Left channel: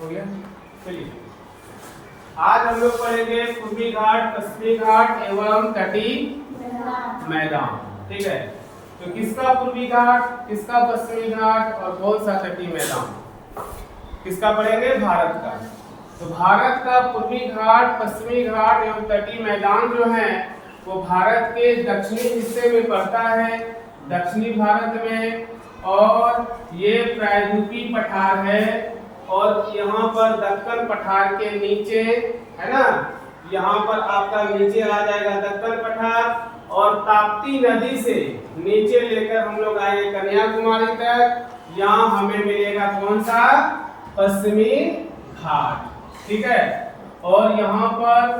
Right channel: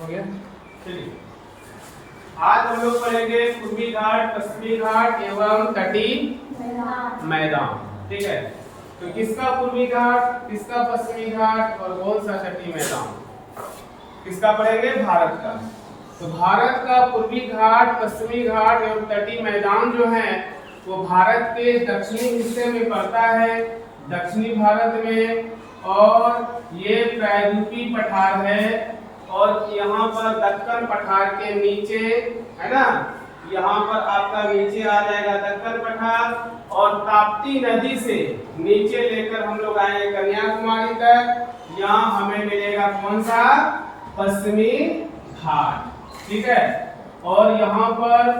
हो गया। चलिए आज हम लोग पढ़ेंगे पूर्वी घाट, पश्चिमी घाट एवं तटीय मैदान। ठीक है, तो किसका पूर्वी घाट, किसका पश्चिमी घाट और कौन सा तटीय मैदान, किसका पढ़ेंगे? भारत का। तो भारत का पूर्वी घाट, पश्चिमी घाट एवं तटीय मैदान जो है वो भारत के दक्षिणी हिस्से में पड़ता है, दक्षिणी भारत में। और ये प्रायद्वीपीय पठार है और यहाँ पर दक्कन पठार के नीचे है ना, यहाँ पर आपका नीचे आ जाएगा दक्कन पठार और ताप्ती नदी से नीचे लेकर हम लोग आएंगे कन्याकुमारी तक। यहाँ हमें मिलेगा कौन सा? पश्चिमी घाट। ठीक है, और यहाँ पर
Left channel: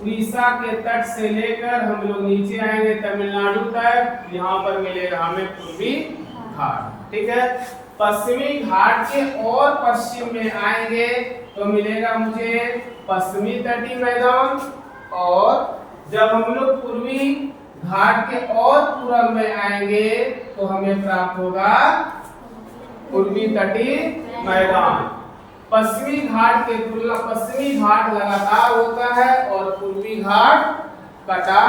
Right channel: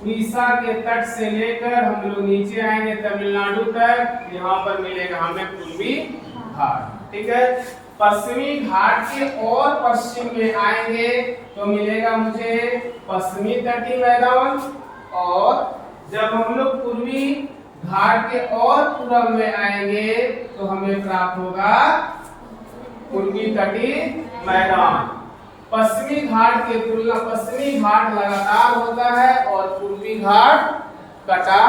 उड़ीसा के तट से लेकर हम लोग नीचे आएंगे तमिलनाडु तक, यहाँ पर मिलेगा हमें पूर्वी घाट। ठीक है, पश्चिमी घाट के और पश्चिम में आएंगे तो मिलेगा मुझे पश्चिमी तटीय मैदान, और जब हम लोग पूर्वी घाट के और पूरब में आएंगे तो हमें प्राप्त होगा पूर्वी तटीय मैदान। पश्चिमी घाट के तुलना पश्चिमी घाट लगातार होता है और पूर्वी घाट कटा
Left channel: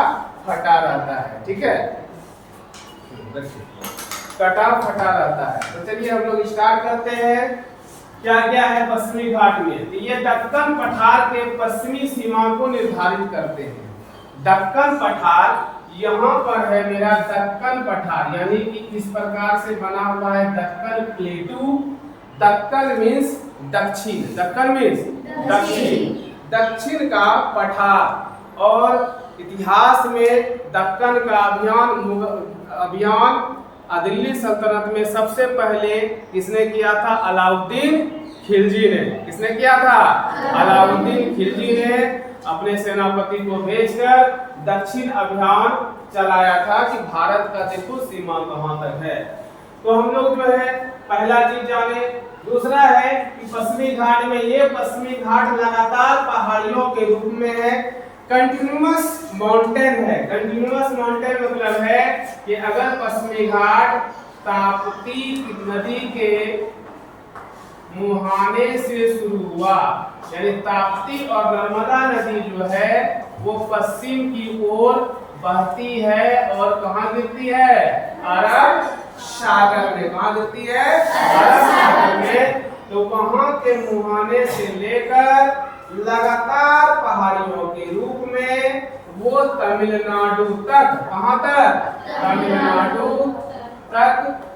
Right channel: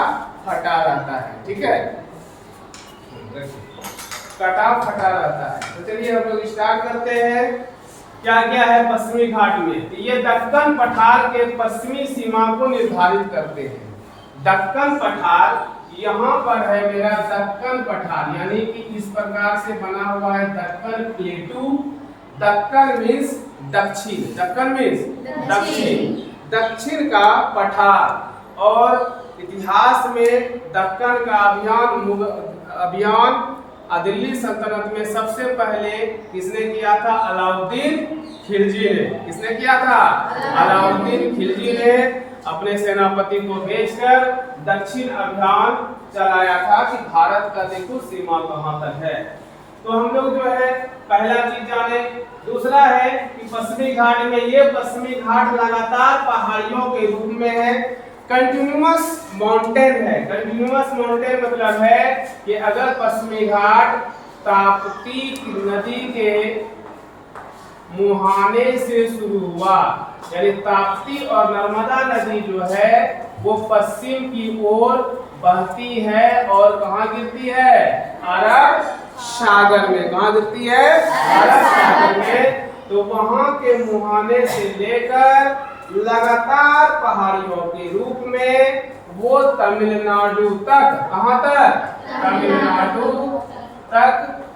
फटा रहता है। ठीक है, कटा फटा रहता है। तो चलिए हम लोग स्टार्ट करते हैं। क्या क्या है पश्चिमी घाट में? तो ये दक्कन पठार के पश्चिमी सीमा को निर्धारित करते हैं। दक्कन पठार यहाँ पर है मेरा दक्कन पठार, यानी कि इस प्रकार से बना हुआ है दक्कन प्लेटू। दक्कन मीन्स दक्षिण, दक्कन मीन्स दक्षिण, दक्षिण का पठार। और इतिहास में दक्कन का अभियान दिल्ली सल्तनत में सबसे पहले किसने किया था? अलाउद्दीन खिलजी ने। किसने किया था? अलाउद्दीन खिलजी ने अपने सेनापति को भेजकर दक्षिण अभियान चलाया था कि भारत का देखो सीमा कहां तक है। तो हम लोग जो है पहला चीज जाने। दूसरा है कि पश्चिमी घाट में, ये पश्चिमी घाट लगातार पहाड़ियों के रूप में है, कंटिन्यूअस माउंटेन है। कंटिन्यूअस माउंटेन मतलब है कि अगर पश्चिमी घाट ताप्ती नदी के मुहाने से शुरू हुआ, यानी ताप्ती और नर्मदा नदी जो है वो पश्चिम की ओर बहती है और कहाँ गिरती है? अरब सागर में। कहाँ गिरती है? अरब सागर में। तो वहां के मुहाने से लेकर लगातार पहाड़ियों के रूप में वो तमिलनाडु तक, कहां तक? तमिलनाडु तक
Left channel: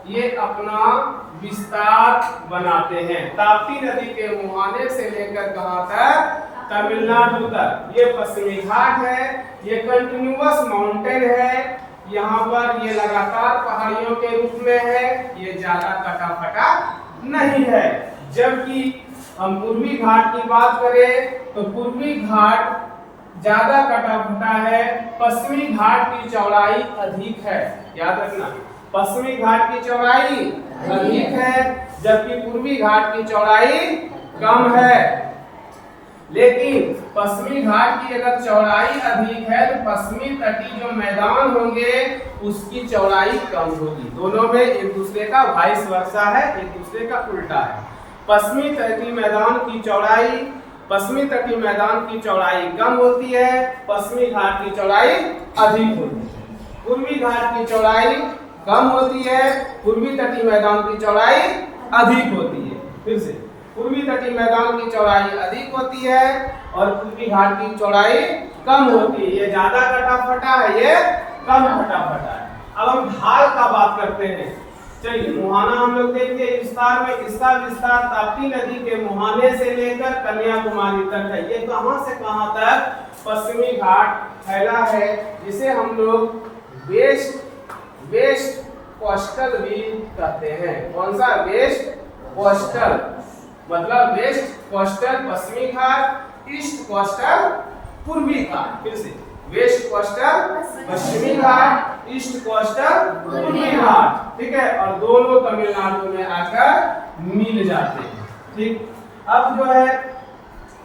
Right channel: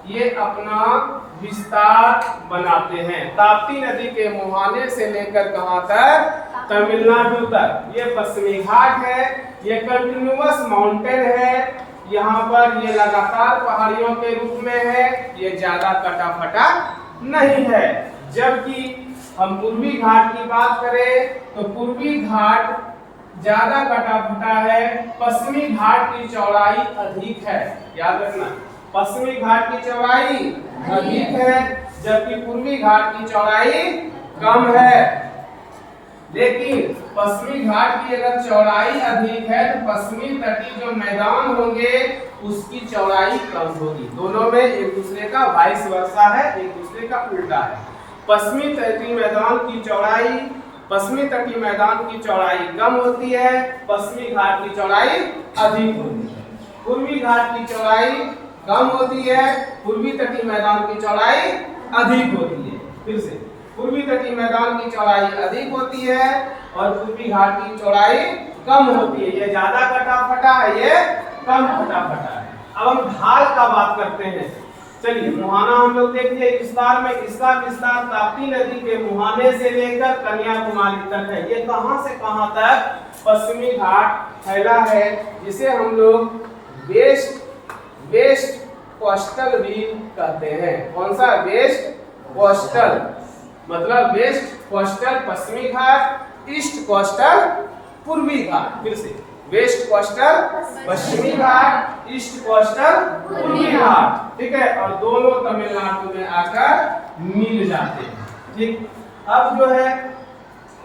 ये अपना विस्तार बनाते हैं। ताप्ती नदी के मुहाने से लेकर कहां तक? तमिलनाडु तक। ये पश्चिमी घाट है, ये कंटिन्यूअस माउंटेन है, यहाँ पर ये लगातार पहाड़ियों के रूप में है, ये ज्यादा कटा फटा नहीं है। जबकि हम पूर्वी घाट की बात करें तो पूर्वी घाट ज्यादा कटा फटा है, पश्चिमी घाट की चौड़ाई अधिक है। याद रखना, पश्चिमी घाट की चौड़ाई अधिक है जबकि पूर्वी घाट की चौड़ाई कम है। लेकिन पश्चिमी घाट की अगर चौड़ाई अधिक है तो पश्चिमी तटीय जो मैदान होंगे उसकी चौड़ाई कम होगी। दोनों में एक दूसरे का वाइस वर्सा है, एक दूसरे का उल्टा है। पश्चिमी तटीय मैदान की चौड़ाई, पश्चिमी तटीय मैदान की चौड़ाई कम होती है, पश्चिमी घाट की चौड़ाई अधिक होती है। पूर्वी घाट की चौड़ाई कम होती है, पूर्वी तटीय मैदान की चौड़ाई अधिक होती है। फिर से, पूर्वी तटीय मैदान की चौड़ाई अधिक होती है और पूर्वी घाट की चौड़ाई कम होती है। ये ज्यादा कटा फटा है, ये कम कटा फटा है। अब हम ढाल का बात करते हैं। चलिए, मुहाना हम लोग देखिए विस्तार में, इसका विस्तार ताप्ती नदी के मुहाने से लेकर कन्याकुमारी तक है। ये कहां से कहां तक पश्चिमी घाट फैला है, जिसे हम लोग वेस्ट कोस्टल भी कहते हैं। कौन सा? वेस्ट कोस्टल, मतलब वेस्ट कोस्टल पश्चिमी घाट, ईस्ट कोस्टल पूर्वी घाट। फिर से, वेस्ट कोस्टल पश्चिमी घाट, ईस्ट कोस्टल पूर्वी घाट। ठीक है, और दोनों तमिलनाडु में आकर मिल जाते हैं। ठीक, अब जो है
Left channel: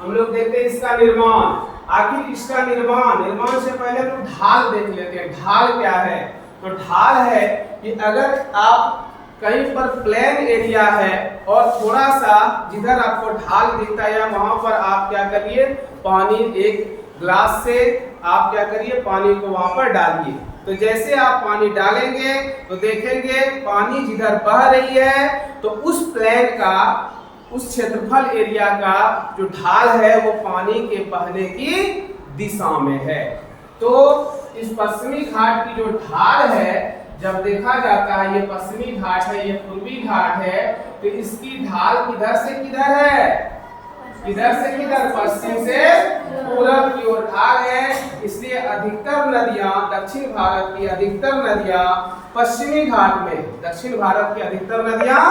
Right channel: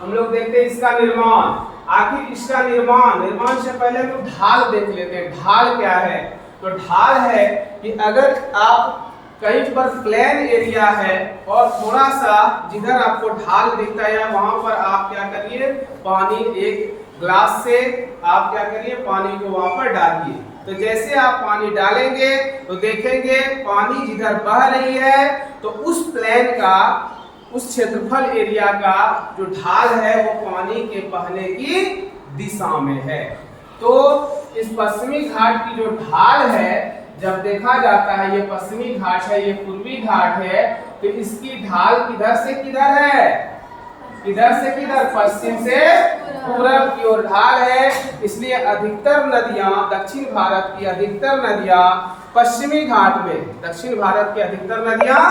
हम लोग देखते हैं इसका निर्माण। आखिर इसका निर्माण से पहले तो ढाल देख लेते हैं। ढाल क्या है? तो ढाल है कि अगर आप कहीं पर प्लेन एरिया है और थोड़ा सा जिधर आपको ढाल दिखता है वहां पर आप क्या करिए, पानी एक ग्लास से आप क्या करिए, पानी को वहां पर डालिए। तो जैसे आप पानी डालेंगे तो देखेंगे पानी जिधर बह रही है तो उस प्लेन का, उस क्षेत्रफल एरिया का जो ढाल है वो पानी के बहने की दिशा में है। तो इस पश्चिमी घाट की जो ढाल है, जब देखा जाता है ये पश्चिमी घाट है, ये पूर्वी घाट है, तो इसकी ढाल किधर से किधर है, किधर से किधर, पश्चिम से पूरब की ओर ढाल है। इसलिए अधिकतर नदियां, दक्षिण भारत की अधिकतर नदियां पश्चिमी घाट में, दक्षिण भारत की अधिकतर नदियां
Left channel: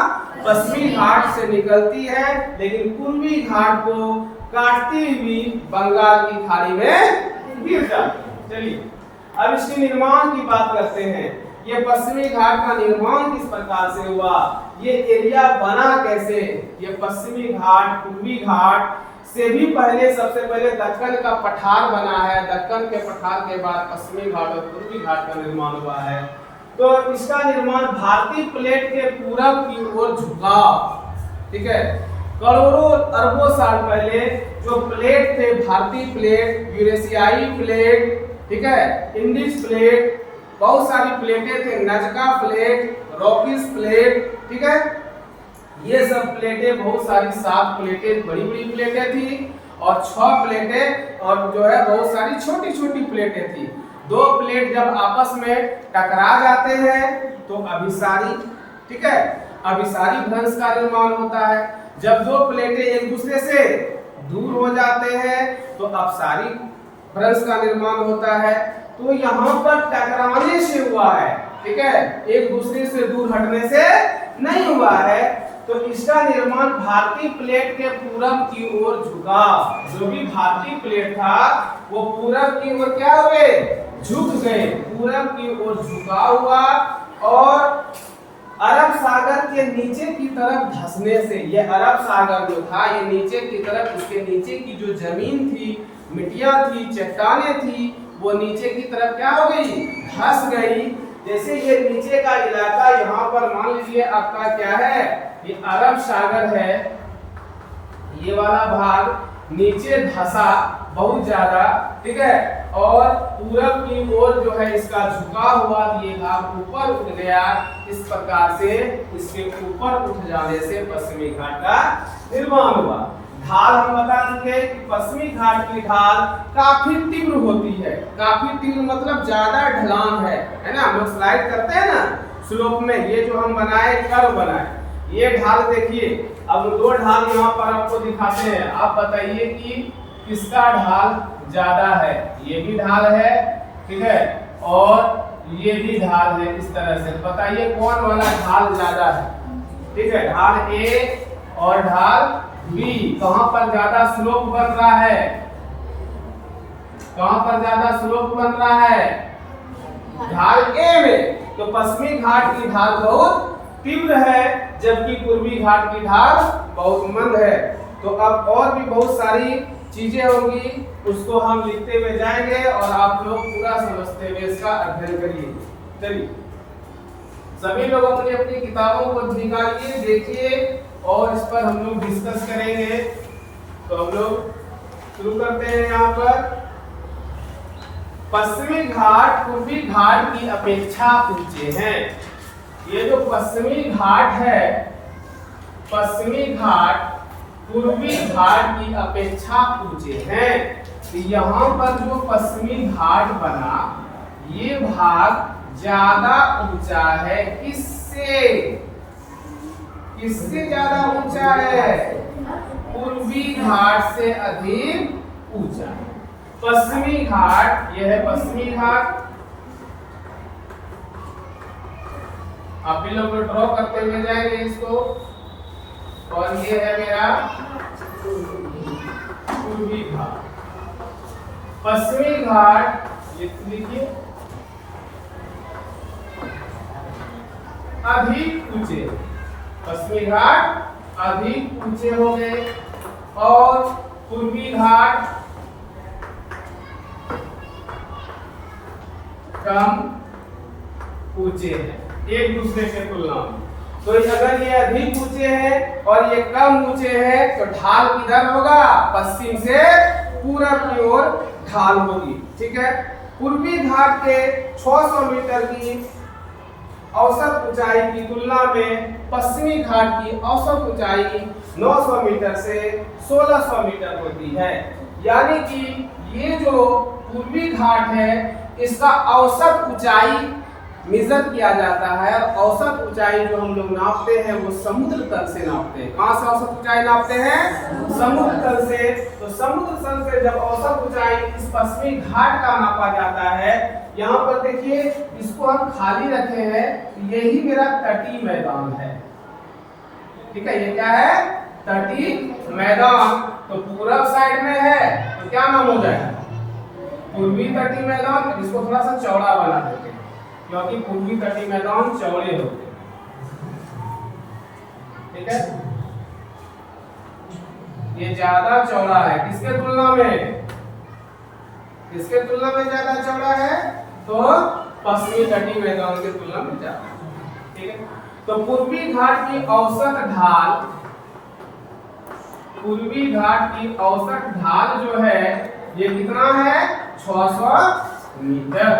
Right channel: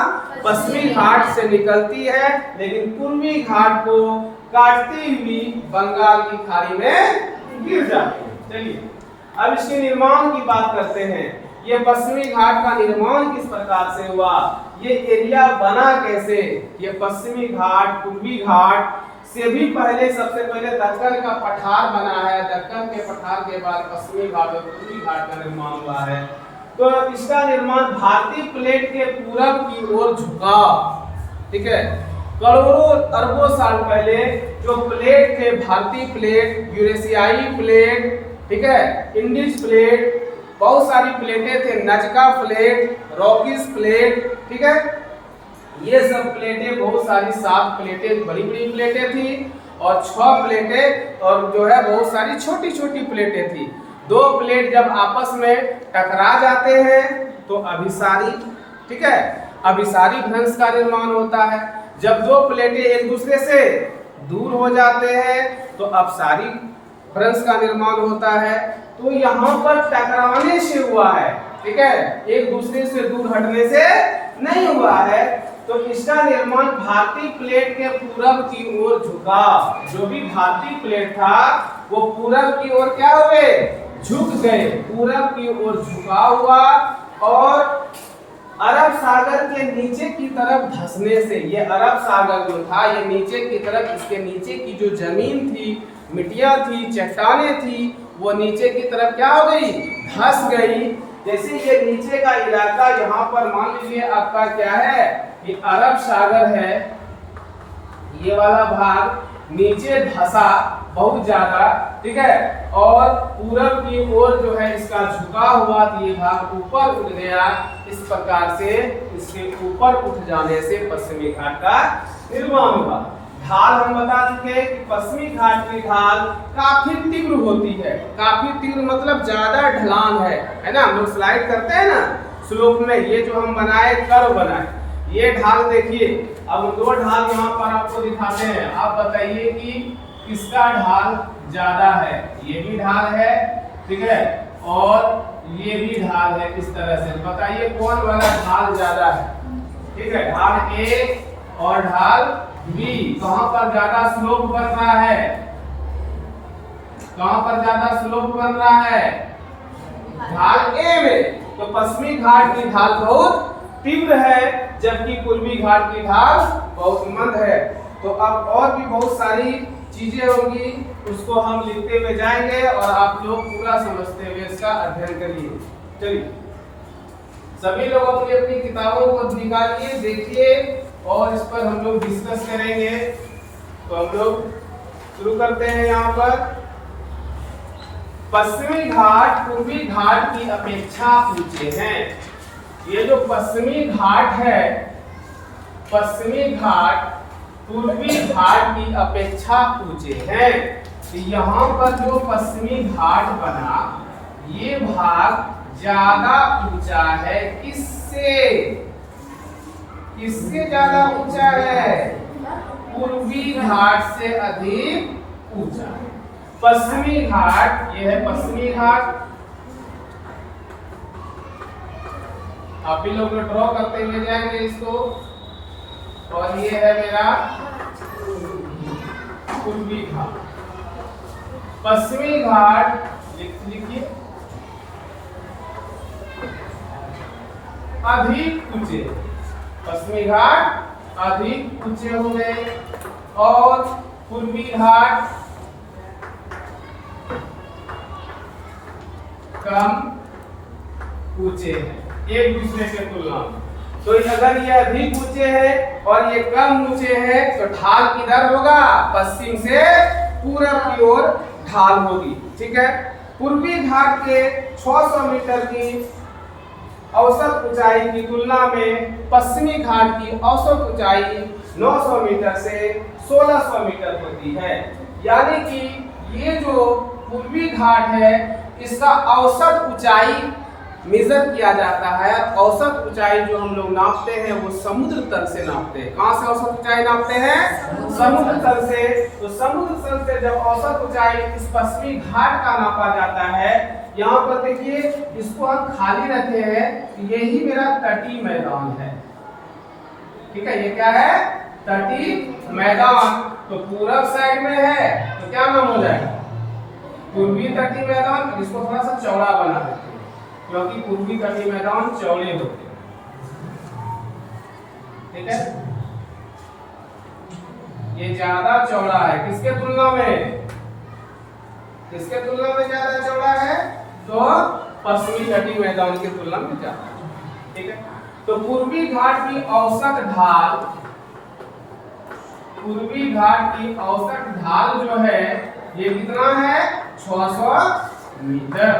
पश्चिमी घाट से निकलती है, लेकिन पूर्वी घाट को काटती हुई बंगाल की खाड़ी में गिर जाती है। चलिए अब इसके निर्माण की बात करते हैं। ये पश्चिमी घाट का निर्माण किस प्रकार से हुआ, ये एरिया बना कैसे। ये पश्चिमी घाट, पूर्वी घाट से भी पहले, सबसे पहले दक्कन का पठार बना है। दक्कन के पठार के बाद पश्चिमी घाट और पूर्वी घाट का निर्माण हुआ है। तो इसका निर्माण भारतीय प्लेट के पूरब की ओर झुका, ठीक है। करोड़ों अरबों साल पहले जो प्लेट थे, भारतीय प्लेट, यूरेशियाई प्लेट, ठीक है, इंडिस प्लेट, बहुत सारी प्लेटें थे, नजका प्लेट, रॉकिस प्लेट, ठीक है, ये सब प्लेटें, बहुत सारी 7 प्लेटें बड़ी बड़ी प्लेटें थी और 6 प्लेटें और जो है बहुत सारी छोटी छोटी प्लेटें थी। 2 प्लेट जब आपस में टकरा जाते हैं तो अभिसारी, ठीक है, अभिसारी भ्रंश का निर्माण होता है। जब 2 प्लेटें एक दूसरे से दूर हो जाते हैं तो अपसारी भ्रंश का निर्माण होता है। तो यहाँ पर टकराने से हुआ है, ठीक है, एक दूसरे से दूर हटने से नहीं हुआ है। तो इसका निर्माण भारतीय प्लेट के पूरब की ओर झुका। जो भी भारतीय प्लेट था वो पूरब की ओर क्या हो गए, झुक गए, पूरब की ओर झुका हुआ और अरब सागर के नीचे की तरफ धंसने से, ये अरब सागर जो था ये नीचे की तरफ, इसके नीचे की जो जमीन थी, मिट्टियां थी, चट्टाने थी, वो नीचे की तरफ क्या हो गई, धंस गई। जैसे ये नीचे का इलाका यहाँ पर मान लीजिए आपका क्या है, ये अरब सागर है, ये वाला भाग नीचे धंसा बहुत ज्यादा, ठीक है, और पूरब की ओर जो है इसका झुका हुआ, ये भाग ऊपर उठ गया। इस प्रकार से इसके ऊपर उठ जाने से पश्चिमी घाट का निर्माण हुआ। ढाल हम बता चुके कि पश्चिमी घाट की ढाल काफी तीव्र होती है। काफी तीव्र मतलब ज्यादा ढलान है ना। हम लोग स्लाइड करते हैं ना स्लोप में, ये जो हम बनाए कर्व बनाए, ये ढाल देखिए। अब 2 ढाल यहाँ पर आपको दिखाते हैं, आप बताइए कि किसका ढाल ज्यादा है। ये भी ढाल है, ठीक है, और ये भी ढाल है। इस तरह से बताइए कौन वाला ढाल ज्यादा है, ठीक है, ढाल ए और ढाल बी। कहां पर ज्यादा स्लोप बन रहा है, कहां पर ज्यादा स्लोप बन रहा है, ढाल ए में। तो पश्चिमी घाट की ढाल बहुत तीव्र है जबकि पूर्वी घाट की ढाल बहुत मंद है। तो अब और भी बहुत सारी चीजें होंगी, उसको हम लिखते हुए जाएंगे और आप लोग पूरा समझते हुए इसका अध्ययन करिए। चलिए सभी लोग अपनी अपनी किताबों को निकालिए, देखिए और इस पर हम लोग डिस्कस करेंगे। तो हम लोग शुरू करते हैं। यहाँ पर पश्चिमी घाट पूर्वी घाट की अपेक्षा ऊंचे हैं। ये जो पश्चिमी घाट है, पश्चिमी घाट पूर्वी घाट की अपेक्षा ऊंचे हैं। तो यहाँ पर जो पश्चिमी घाट बना, ये भाग ज्यादा ऊंचा है। किससे, किससे ज्यादा ऊंचा है, पूर्वी घाट से अधिक ऊंचा है। पश्चिमी घाट, यह है पश्चिमी घाट। आप भी लोग ड्रॉ करते हुए जाएंगे इसको, और ये है मेरा पूर्वी घाट। पश्चिमी घाट लिखिए अधिक ऊंचे, पश्चिमी घाट अधिक ऊंचे हो गए और पूर्वी घाट कम ऊंचे हैं एक दूसरे के तुलना में। तो अगर ये अधिक ऊंचे हैं और ये कम ऊंचे हैं तो ढाल किधर होगा? पश्चिम से पूरब की ओर ढाल होगी। ठीक है, पूर्वी घाट के 600 मीटर की औसत ऊंचाई की तुलना में पश्चिमी घाट की औसत ऊंचाई 900 मीटर से 1600 मीटर होती है। यानी कि ये जो पूर्वी घाट है इसका औसत ऊंचाई मेजर किया जाता है। औसत ऊंचाई जो हम लोग नापते हैं वो समुद्र तल से नापते हैं। कहां से औसत ऊंचाई नापते हैं? समुद्र तल से। तो समुद्र तल से जब औसत ऊंचाई इस पश्चिमी घाट का नापा जाता है, यहाँ पर देखिए इसको हम खाली रखे हैं, यही मेरा तटीय मैदान है। ठीक है, ये क्या है? तटीय मैदान। तो पूरब साइड में है तो क्या नाम हो जाएगा? पूर्वी तटीय मैदान। इसको थोड़ा सा चौड़ा बना देते हैं क्योंकि पूर्वी तटीय मैदान चौड़े होते हैं। ठीक है, ये ज्यादा चौड़ा है किसके तुलना में? किसके तुलना में ज्यादा चौड़ा है? तो पश्चिमी तटीय मैदान के तुलना में ज्यादा। ठीक है, तो पूर्वी घाट की औसत ढाल, पूर्वी घाट की औसत ढाल जो है ये कितना है? 600 मीटर।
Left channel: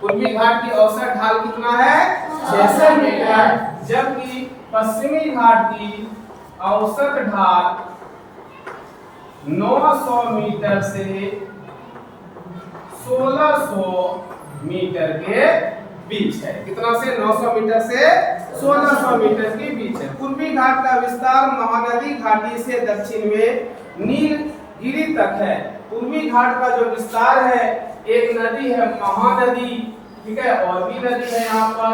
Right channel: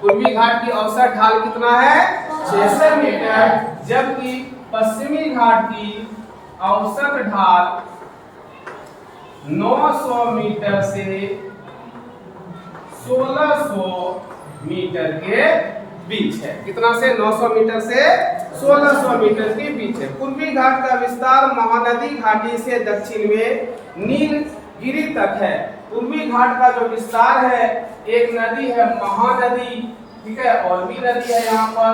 पूर्वी घाट की औसत ढाल कितना है? 600 मीटर। जबकि पश्चिमी घाट की औसत ढाल 900 मीटर से 1600 मीटर के बीच है। कितना से? 900 मीटर से 1600 मीटर के बीच है। पूर्वी घाट का विस्तार महानदी घाटी से दक्षिण में नीलगिरी तक है। पूर्वी घाट का जो विस्तार है, एक नदी है महानदी, ठीक है, और भी नदी है यहाँ पर,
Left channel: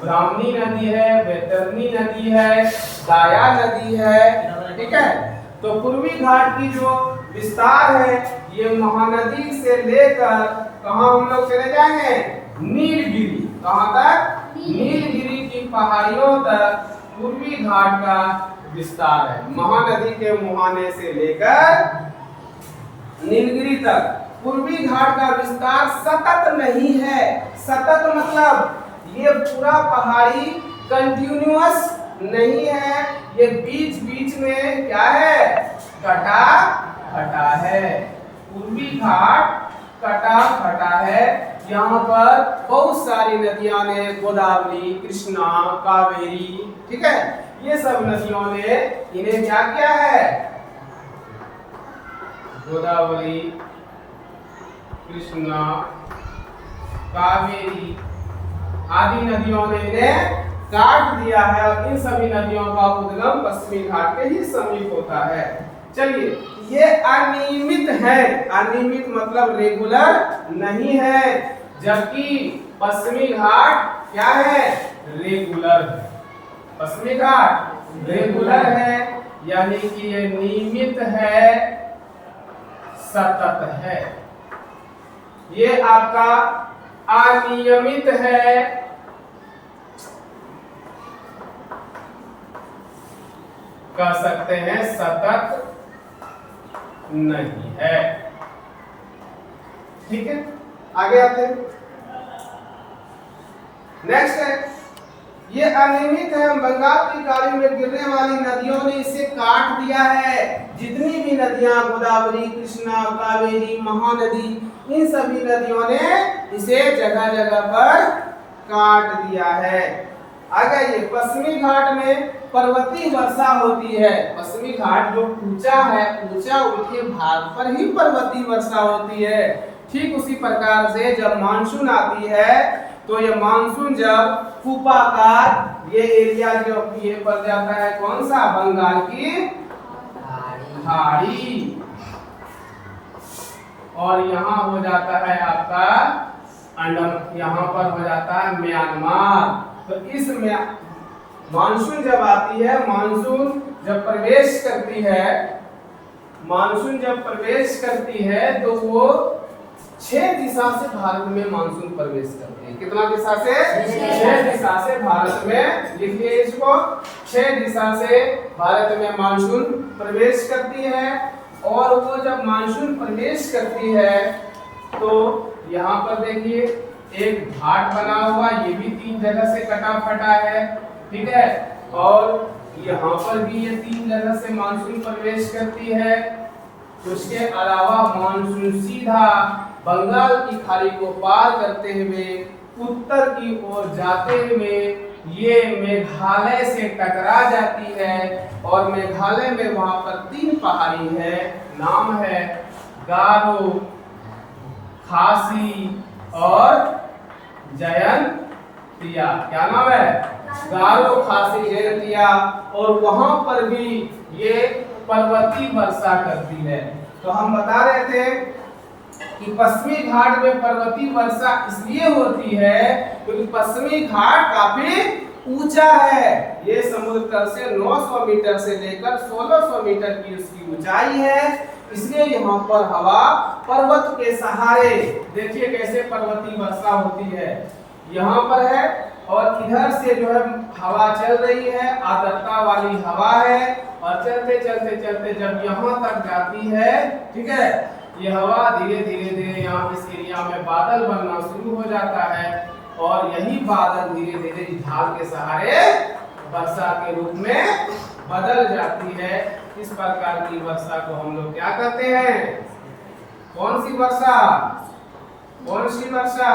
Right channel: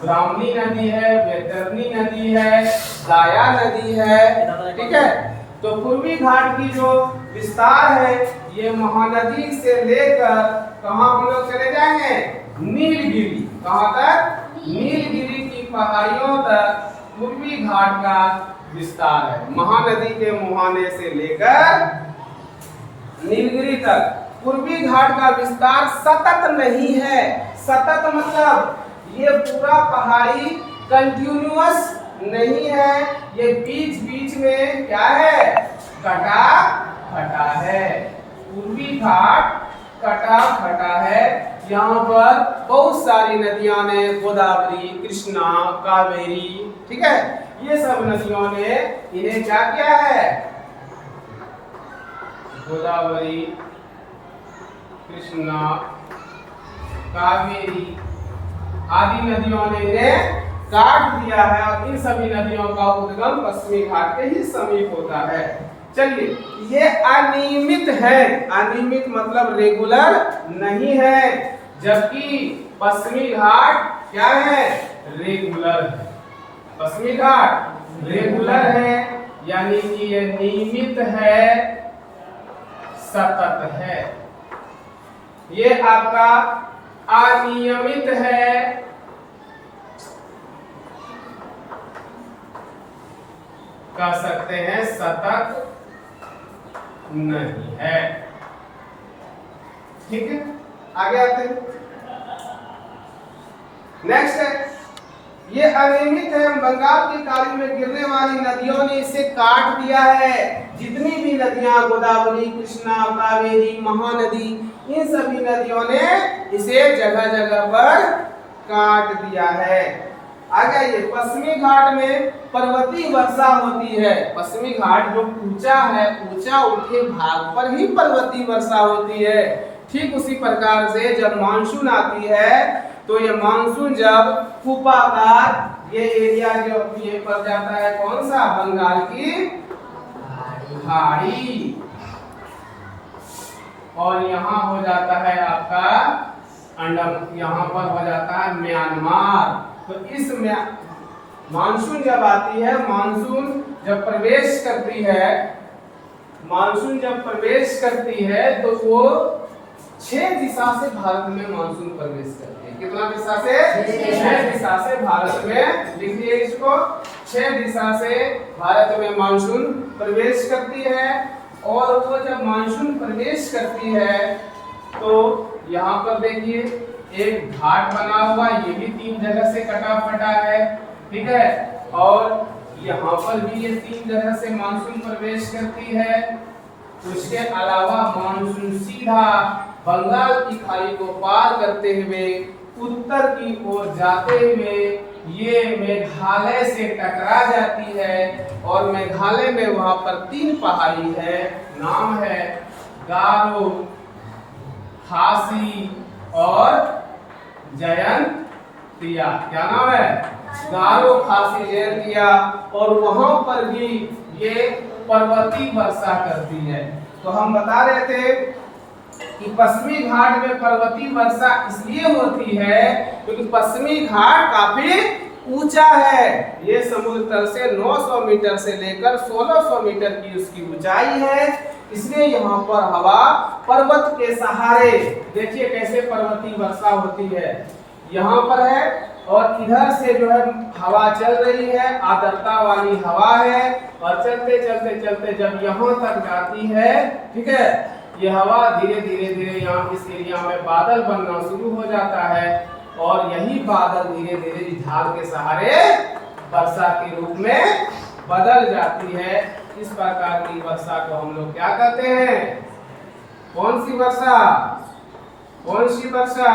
ब्राह्मणी नदी है, वैतरणी नदी है, दाया नदी है। ठीक है, तो पूर्वी घाट की जो विस्तार है ये महानदी से लेकर कहाँ हम लोग चले जाएंगे? नीलगिरी। कहाँ तक? नीलगिरी की पहाड़ियों तक पूर्वी घाट का विस्तार है। महानदी के मुहाने से लेकर नीलगिरी तक पूर्वी घाट का विस्तार सतत नहीं है। सतत मतलब ये पूरा पहाड़ी कंटिन्यूअस नहीं है, ये बीच बीच में क्या है? कटा फटा है। पूर्वी घाट कटा फटा है। यहाँ पर बहुत सारी नदियां ने, गोदावरी, कृष्णा, कावेरी, ठीक है, ये सब नदियों ने इन्हें क्या किया है? गोदावरी, कृष्णा, कावेरी आदि नदियों ने इन्हें काट दिया है और इन सभी नदियों का उद्गम पश्चिमी घाट के ही समीप होता है। चलिए, ये अनियमित है। अनियमित मतलब रेगुलर नहीं है, जबकि पश्चिमी घाट क्या है? रेगुलर है। पश्चिमी घाट रेगुलर है, यानी कि ये नियमित है, सतत है। ये आपका अनियमित है, कह सकते हैं सतत नहीं है। ठीक है, आगे आते हैं। नेक्स्ट है, ये अनियमित है। बंगाल की खाड़ी में गिरने वाली नदियों ने इसे काट दिया है। जितनी भी नदियां, गोदावरी, कृष्णा, कावेरी, महानदी, इन सभी नदियों ने इसे जगह जगह पर काट दिया है। आगे ये पश्चिमी घाट में पर्वतीय वर्षा होती है। पश्चिमी घाट जो ऊंचा है, ऊंचा उठे भाग पर ही पर्वतीय वर्षा होती है। ठीक उसी प्रकार से जब मानसून आती है तो ये मानसून जब कुपाकार ये एरिया जो ये पड़ जाता है, कौन सा? बंगाल की खाड़ी, और यहाँ हो जाता है आपका यहाँ पर हो जाता है म्यांमार। तो इस मानसून जब आती है, मानसून जब प्रवेश करती है, मानसून जब प्रवेश करती है तो वो 6 दिशा से भारत में मानसून प्रवेश करती है। कितना दिशा से? 6 दिशा से भारत में, लिखिए इसको, 6 दिशा से भारत में मानसून प्रवेश करती है। और वो जब मानसून प्रवेश करती है तो यहाँ पर देखिए एक घाट बना हुआ, ये भी 3 जगह से कटा फटा है। ठीक है। और यहाँ पर भी ये 3 जगह से मानसून प्रवेश करती है। उसके अलावा मानसून सीधा बंगाल की खाड़ी को पार करते हुए उत्तर की ओर जाते हुए ये मेघालय से टकरा जाती है और मेघालय में वहां पर 3 पहाड़ी है, नाम है गारो, खासी और जयंतिया। क्या नाम है? गारो, खासी, जयंतिया। और वहां पर भी ये पर्वतीय वर्षा करती है। तो हम बता रहे थे कि पश्चिमी घाट में पर्वतीय वर्षा इसलिए होती है क्योंकि पश्चिमी घाट काफी ऊंचा है। ये समुद्र तल से 900 मीटर से लेकर 1600 मीटर की उसकी ऊंचाई है, इसलिए यहाँ पर हवा पर्वत के सहारे, देखिए कैसे पर्वतीय वर्षा होती है, यहाँ पर है और इधर से जो है हवा चल रही है, आर्द्रता वाली हवा है और चलते चलते चलते जब यहाँ तक जाती है, ठीक है, ये हवा धीरे धीरे धीरे यहाँ इस एरिया में बादल बनना शुरू हो जाता है और यही बादल धीरे धीरे ढाल के सहारे वर्षा के रूप में बदल जाती है। इस प्रकार की वर्षा को हम लोग क्या कहते हैं? कौन सी वर्षा? कौन सी वर्षा?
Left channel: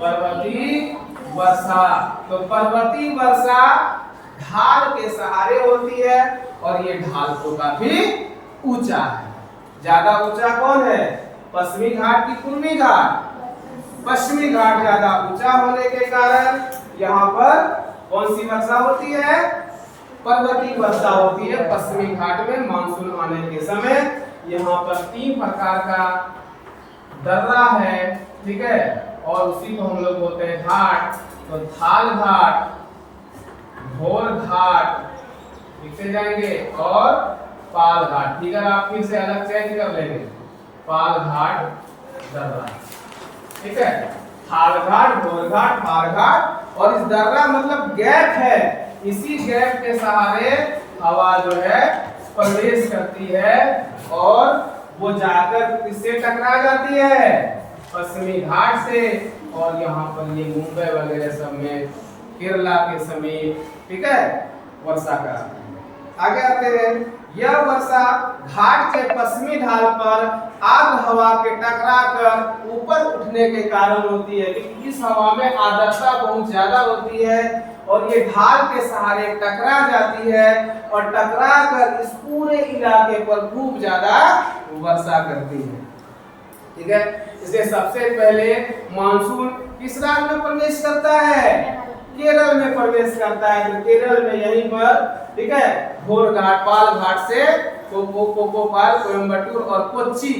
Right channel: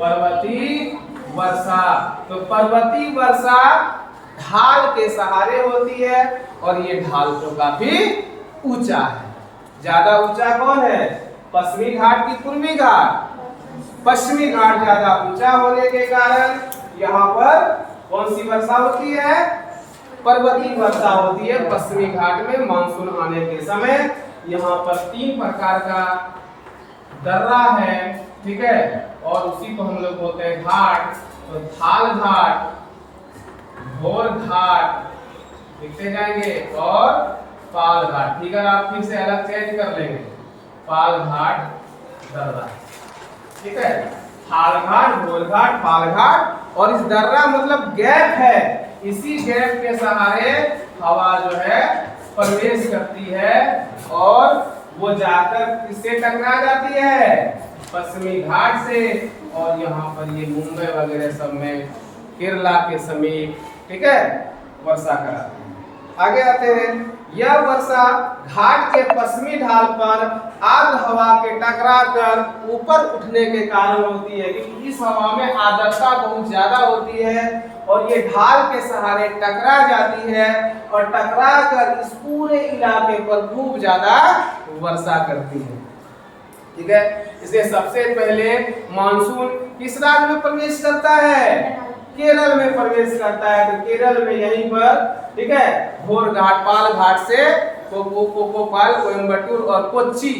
पर्वतीय वर्षा। तो पर्वतीय वर्षा ढाल के सहारे होती है और ये ढाल तो काफी ऊंचा है। ज्यादा ऊंचा कौन है? पश्चिमी घाट की पूर्वी घाट? पश्चिमी घाट ज्यादा ऊंचा होने के कारण यहाँ पर कौन सी वर्षा होती है? पर्वतीय वर्षा होती है पश्चिमी घाट में मानसून आने के समय। यहाँ पर 3 प्रकार का दर्रा है, ठीक है, और उसी को हम लोग बोलते हैं घाट। तो थाल घाट, घोर घाट लिखते जाएंगे और पाल घाट। ठीक है, आप फिर से अलग चेंज कर लेंगे, पाल घाट दर्रा, ठीक है, थाल घाट, घोर घाट, पाल घाट। और इस दर्रा मतलब गैप है, इसी गैप के सहारे हवा जो है प्रवेश करती है और वो जाकर किससे टकरा जाती है? पश्चिमी घाट से। और यहाँ पर ये मुंबई वगैरह सब में केरला के समीप, ठीक है, वर्षा कराती है। आगे आते हैं, यह वर्षा घाट के पश्चिमी ढाल पर आर्द्र हवा के टकरा कर ऊपर उठने के कारण होती है कि इस हवा में आर्द्रता बहुत ज्यादा होती है और ये ढाल के सहारे टकरा जाती है और टकरा कर इस पूरे इलाके पर खूब ज्यादा वर्षा करती है, ठीक है। इसे सबसे पहले मानसून किस राज्य में प्रवेश करता है? केरल में प्रवेश करता है। तो केरल में यहीं पर, ठीक है, घोर घाट, पाल घाट से कोपाल, कोयम्बटूर और कोच्चि,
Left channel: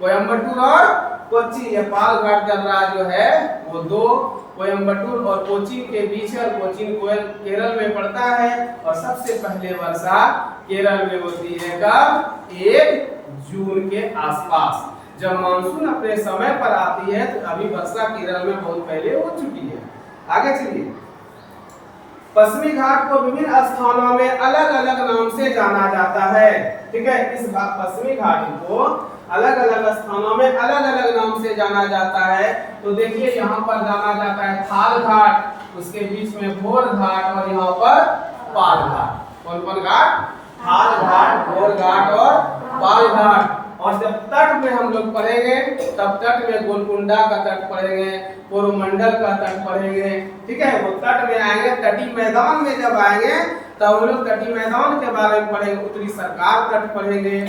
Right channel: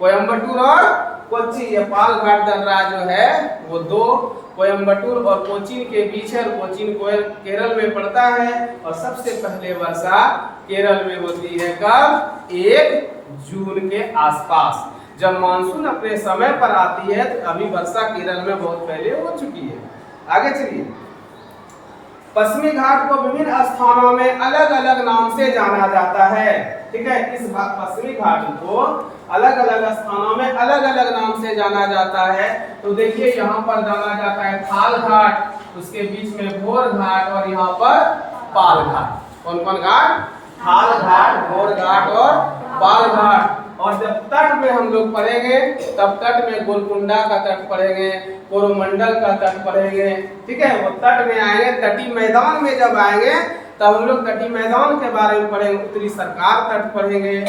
कोयम्बटूर और कोच्चि, ये पाल घाट दर्रा जो है वो 2 कोयम्बटूर और कोचीन के बीच है। कोचीन केरल में पड़ता है और सबसे पहले वर्षा केरल में होती है कब? 1 जून के आसपास। जब मानसून अपने समय पर आती है तो अभी वर्षा केरल में बहुत पहले हो चुकी है। आगे चलिए, पश्चिमी घाट को विभिन्न स्थानों में अलग अलग नाम से जाना जाता है, ठीक है। इस पश्चिमी घाट को अलग अलग स्थानों में अलग अलग नाम से जाना जाता है। तो देखिए यहाँ पर जाना जाता है थाल घाट, उसके बीच में घोर घाट और यहाँ पर पाल घाट। कौन कौन घाट? थाल घाट, घोर घाट और पाल घाट। और जब तट में हम लोग पढ़ेंगे तब तट में गोलकुंडा का तट पढ़ेंगे, कोरोमंडल का तट पढ़ेंगे, ठीक है। वो तट में आएंगे, तटी मैदान में जब आएंगे तब हम लोग तटी मैदान के बारे में पढ़ेंगे, उत्तरी सरकार तट पढ़ेंगे,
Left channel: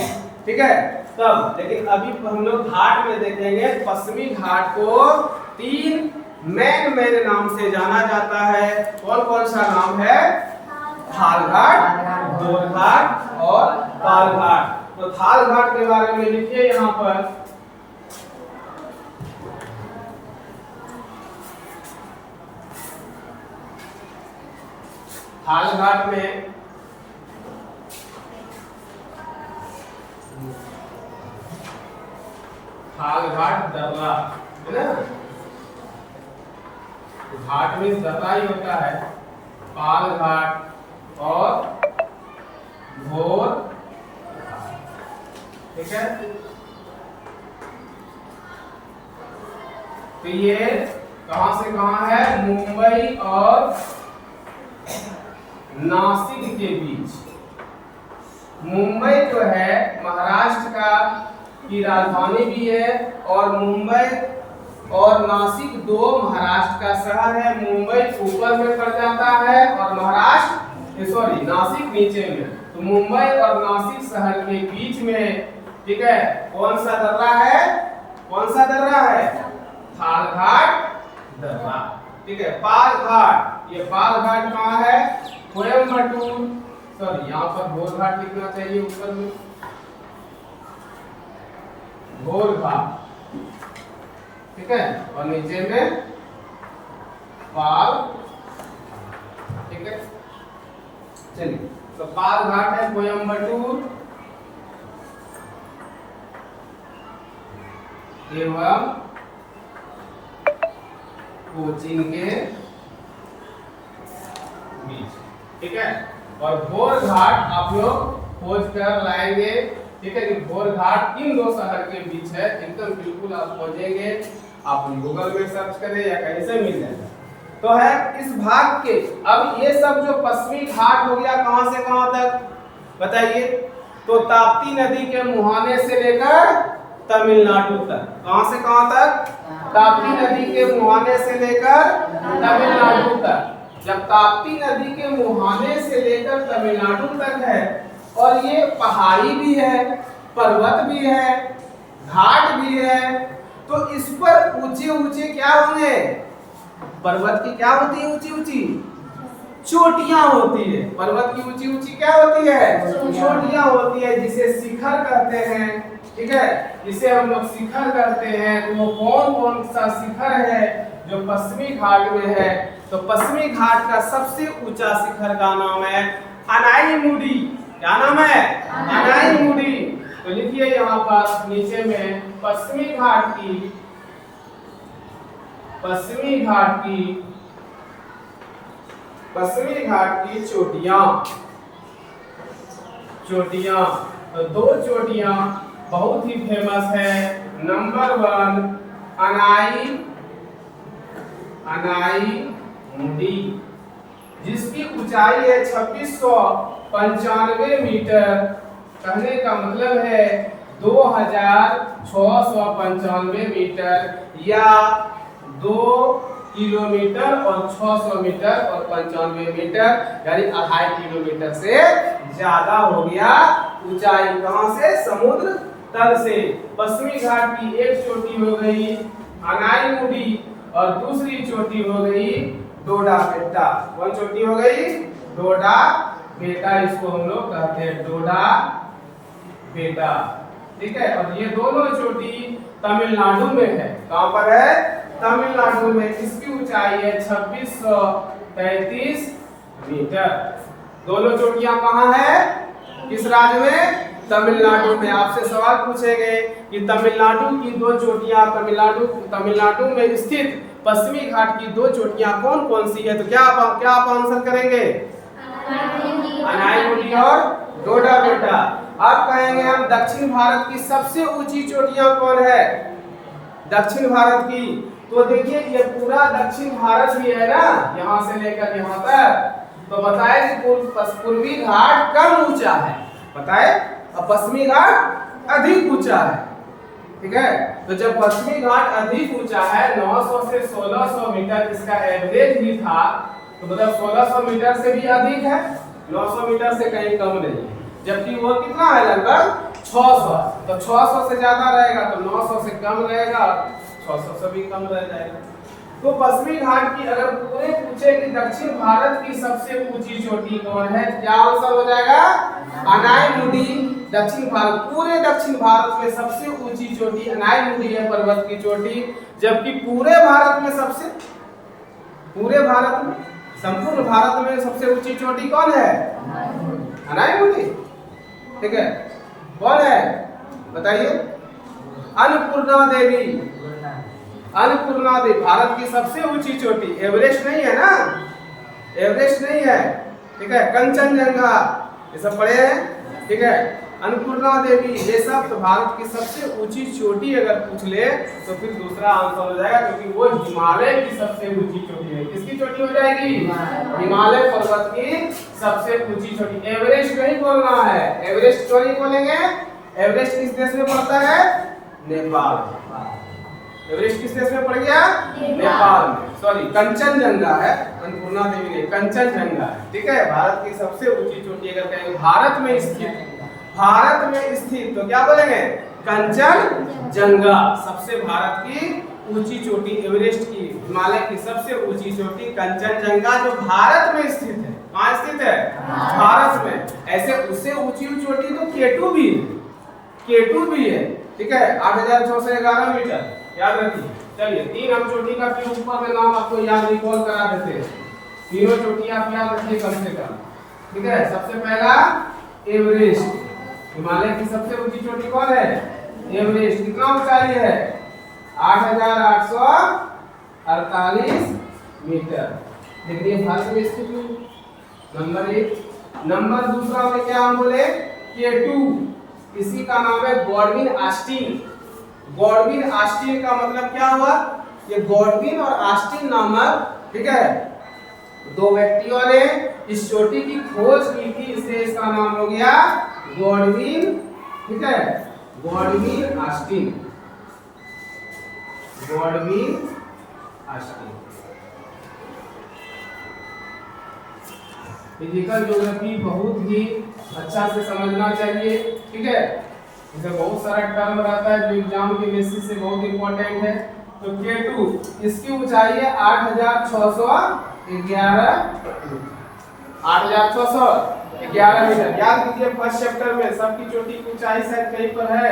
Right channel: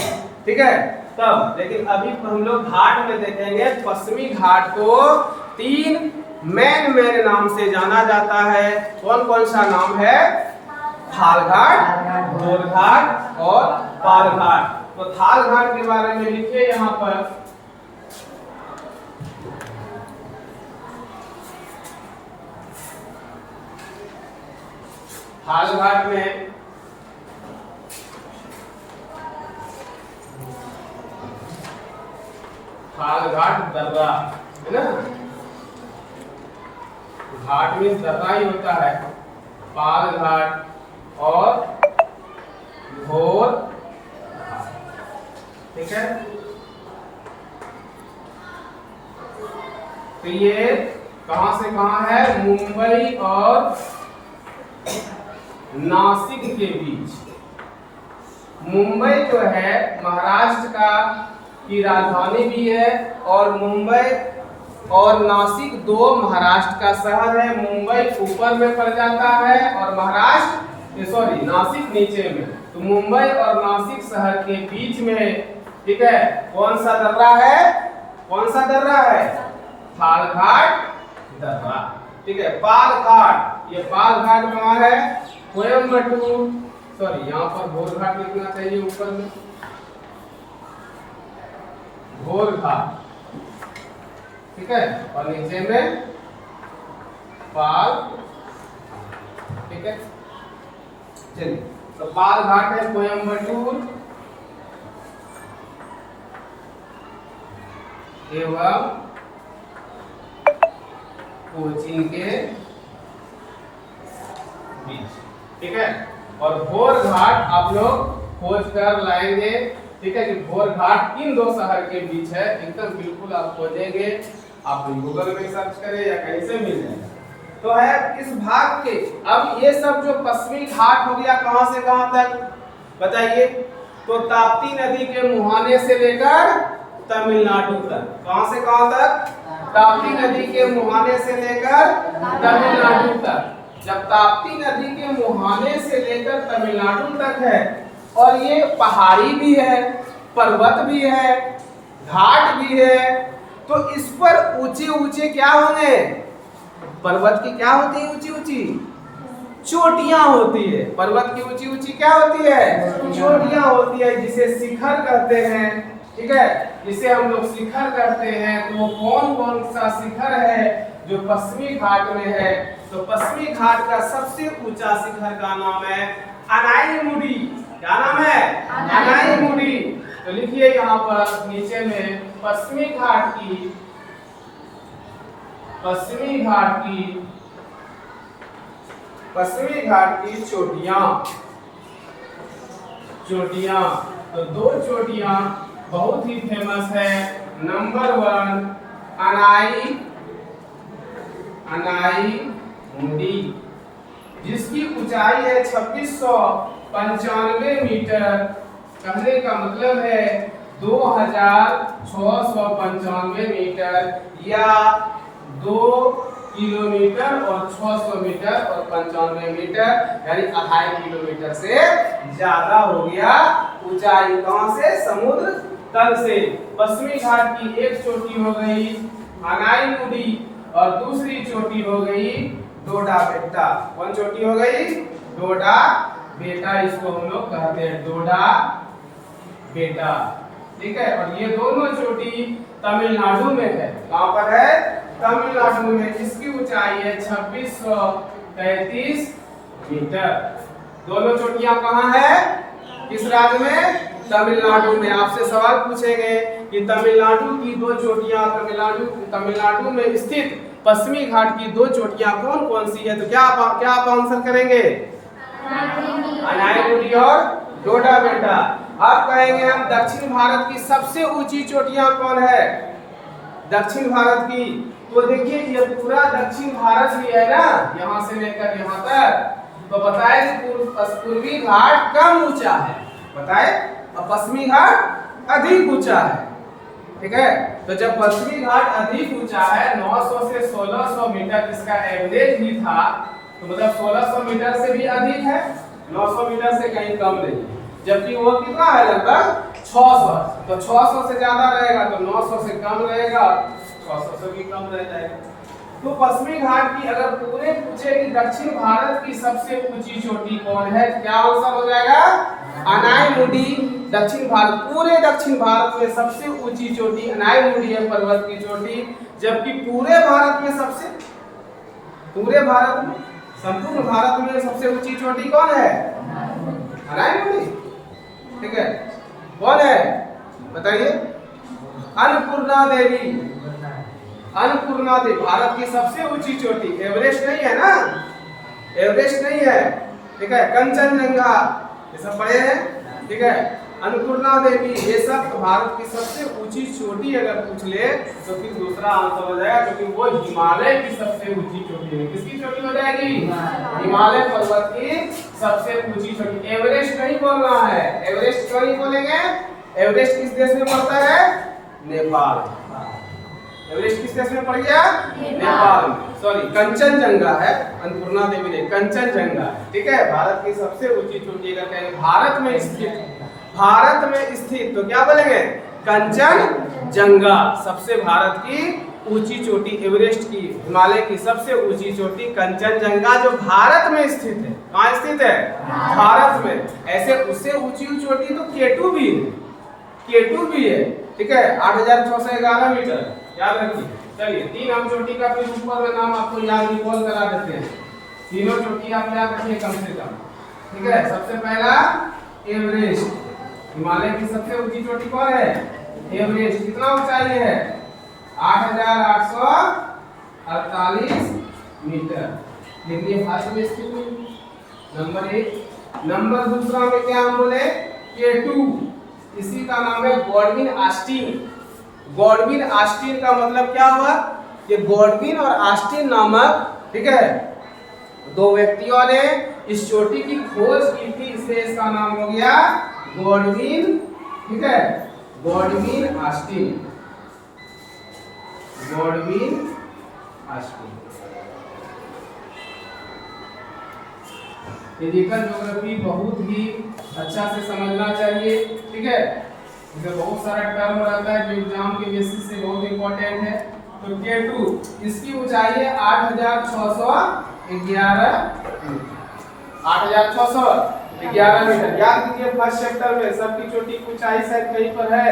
ठीक है, तब। लेकिन अभी हम लोग घाट में देखेंगे, पश्चिमी घाट को 3 मेन नाम से जाना जाता है। कौन कौन सा नाम है? थाल घाट, घोर घाट और पाल घाट। तो थाल घाट के बारे में लिखिए यहाँ पर, थाल घाट में थाल घाट दर्रा है ना, घाट में दर्रा ही होता है। पाल घाट और घोर, ठीक है। तो ये कहां से कहां है? मुंबई और नासिक के बीच। मुंबई जो है महाराष्ट्र का की राजधानी भी है, और मुंबई और नासिक दो महाराष्ट्र का शहर है। मुंबई ऊपर में पड़ जाता है और महाराष्ट्र सॉरी नासिक नीचे में। तो मुंबई और नासिक शहर के बीच में, ठीक है, कौन सा दर्रा है? कौन सा दर्रा है? थाल घाट दर्रा। ठीक है, पाल घाट। ये पाल घाट कहाँ है? कोयम्बटूर, सॉरी यहाँ पर घोल घाट लिखना चाहिए ऊपर में, घोल घाट, ठीक है, और नीचे में पाल। ठीक है, चलिए, तो पाल घाट है कोयम्बटूर एवं कोचीन के बीच। ठीक है, और भोर घाट आप लोग खोज कर लाएंगे। ठीक है, कि भोर घाट किन दो शहर के बीच है, एकदम बिल्कुल आप खोजेंगे। आप गूगल में सर्च करें या कहीं से मिल जाएगा। तो है इस भाग के, अब ये सब जो पश्चिमी घाट हो गया, कहां से कहां तक बताइए? तो ताप्ती नदी के मुहाने से लेकर तमिलनाडु तक। कहां से कहां तक? ताप्ती नदी के मुहाने से लेकर तमिलनाडु तक। जब ताप्ती नदी के मुहाने से लेकर तमिलनाडु तक है, और ये पहाड़ी भी है, पर्वत भी है, घाट भी है, तो इस पर ऊंचे ऊंचे क्या होंगे? पर्वत की क्या होती है? ऊंची ऊंची चोटियां होती है। पर्वत की ऊंची ऊंची क्या होती है? चोटियां होती है, जिसे शिखर कहते हैं। ठीक है, जिसे हम लोग शिखर कहते हैं। तो कौन कौन सा शिखर है जो पश्चिमी घाट में है? तो पश्चिमी घाट का सबसे ऊंचा शिखर का नाम है अनाईमुडी। क्या नाम है? अनाईमुडी। तो लिखिए यहाँ पर नीचे में पश्चिमी घाट की चोटियां। तो दो चोटियां बहुत ही फेमस है। नंबर 1 अनाईमुडी, जिसकी ऊंचाई है 2695 मीटर। कहने का मतलब है 2695 मीटर, या 2 किलोमीटर और 600 मीटर और 95 मीटर, यानी 2.5 किलोमीटर से ज्यादा हो गया ऊंचाई। कहां से? समुद्र तल से। पश्चिमी घाट की एक चोटी हो गई अनाईमुडी, और दूसरी चोटी हो गई डोडा बेटा। कौन चोटी हो गई? डोडा बेटा, इसको हम लोग कहते हैं डोडा बेटा। ठीक है, और ये दोनों चोटी तमिलनाडु में है। कहां पर है? तमिलनाडु में। इसकी ऊंचाई है 2633 मीटर। दोनों चोटियां कहां है? किस राज्य में? तमिलनाडु में। आपसे सवाल पूछेंगे कि तमिलनाडु की दो चोटियां, तमिलनाडु में स्थित पश्चिमी घाट की दो चोटियां कौन कौन सी है? तो क्या आप आंसर करेंगे? अनाईमुडी और डोडा बेटा। आप कहेंगे हम दक्षिण भारत की सबसे ऊंची चोटियां कौन है? दक्षिण भारत की, तो देखिए ये पूरा दक्षिण भारत ही है ना, यहाँ से लेकर यहाँ तक। तो बताए पूर्वी घाट कम ऊंचा है, बताए, और पश्चिमी घाट अधिक ऊंचा है। ठीक है, तो जब पश्चिमी घाट अधिक ऊंचा है, 900 से 1600 मीटर इसका एवरेज ही था, तो मतलब 1600 मीटर से भी अधिक है, 900 मीटर से कहीं कम नहीं है। जबकि वो कितना है? लगभग 600। तो 600 से ज्यादा रहेगा तो 900 से कम रहेगा, 600 से भी कम रह जाएगा। तो पश्चिमी घाट की अगर पूरे पूछे कि दक्षिण भारत की सबसे ऊंची चोटी कौन है, क्या आंसर हो जाएगा? अनाईमुडी। दक्षिण भारत, पूरे दक्षिण भारत में सबसे ऊंची चोटी अनाईमुडी है, पर्वत की चोटी। जबकि पूरे भारत में संपूर्ण भारत में सबसे ऊंची चोटी कौन है? अनाईमुडी। ठीक है, कौन है बताइए? अन्नपूर्णा देवी। भारत की सबसे ऊंची चोटी। एवरेस्ट नहीं है ना, एवरेस्ट नहीं है। ठीक है, कंचनजंगा, ये सब पढ़े हैं। ठीक है, अन्नपूर्णा देवी, ये सब तो भारत की सबसे ऊंची चोटी अगर पूछ ले तो फिर दूसरा आंसर हो जाएगा, क्योंकि वो हिमालय की सबसे ऊंची चोटी है। किसकी चोटी हो जाएगी? हिमालय पर्वत की सबसे ऊंची चोटी। एवरेस्ट नहीं बोलना है, एवरेस्ट क्यों नहीं बोलेंगे? एवरेस्ट किस देश में पड़ता है? नेपाल। एवरेस्ट किस देश में पड़ गया? नेपाल में। सॉरी, कंचनजंगा है, अन्नपूर्णा देवी नहीं, कंचनजंगा है। ठीक है, भारत की सबसे ऊंची चोटी अगर कहेंगे भारत में स्थित, भारत में स्थित तो क्या बोलेंगे? कंचनजंगा। सबसे भारत की ऊंची चोटी एवरेस्ट की, हिमालय की सबसे ऊंची चोटी कंचनजंगा जो भारत में स्थित है। कहाँ स्थित है? भारत में। ऐसे उससे ऊंची चोटी तो केटू भी है, केटू भी है। ठीक है, 8611 मीटर याद रखिए। चलिए, 3 हम चोटी का फिर ऊपर में नाम आपको याद रिकॉल करा देते हैं। तीनों चोटी आप याद रखिए कम से कम। ठीक है, सबसे पहला एवरेस्ट, हिमालय की सबसे ऊंची चोटी कौन है? एवरेस्ट। कितना ऊंचाई है? 8848 मीटर। देखिए भारत में स्थित हुई, नंबर 1। नंबर दूसरा में क्या हम बोले? केटू, इसी का नाम है गॉडविन ऑस्टिन। गॉडविन ऑस्टिन का मतलब क्या हुआ? ये गॉडविन और ऑस्टिन नामक, ठीक है, 2 व्यक्तियों ने इस चोटी की खोज की थी, इसलिए इसका नाम हो गया गॉडविन। ठीक है, Godwin Austen, Godwin Austen. Physical geography बहुत ही अच्छा से समझना चाहिए। ठीक है, इसमें बहुत सारा टर्म रहता है जो एग्जाम के बेसिस से बहुत इंपॉर्टेंट है। तो K2 इसकी ऊंचाई है 8611 8611 मीटर। याद कीजिए फर्स्ट चैप्टर में सबकी चोटी की ऊंचाई शायद कहीं पर है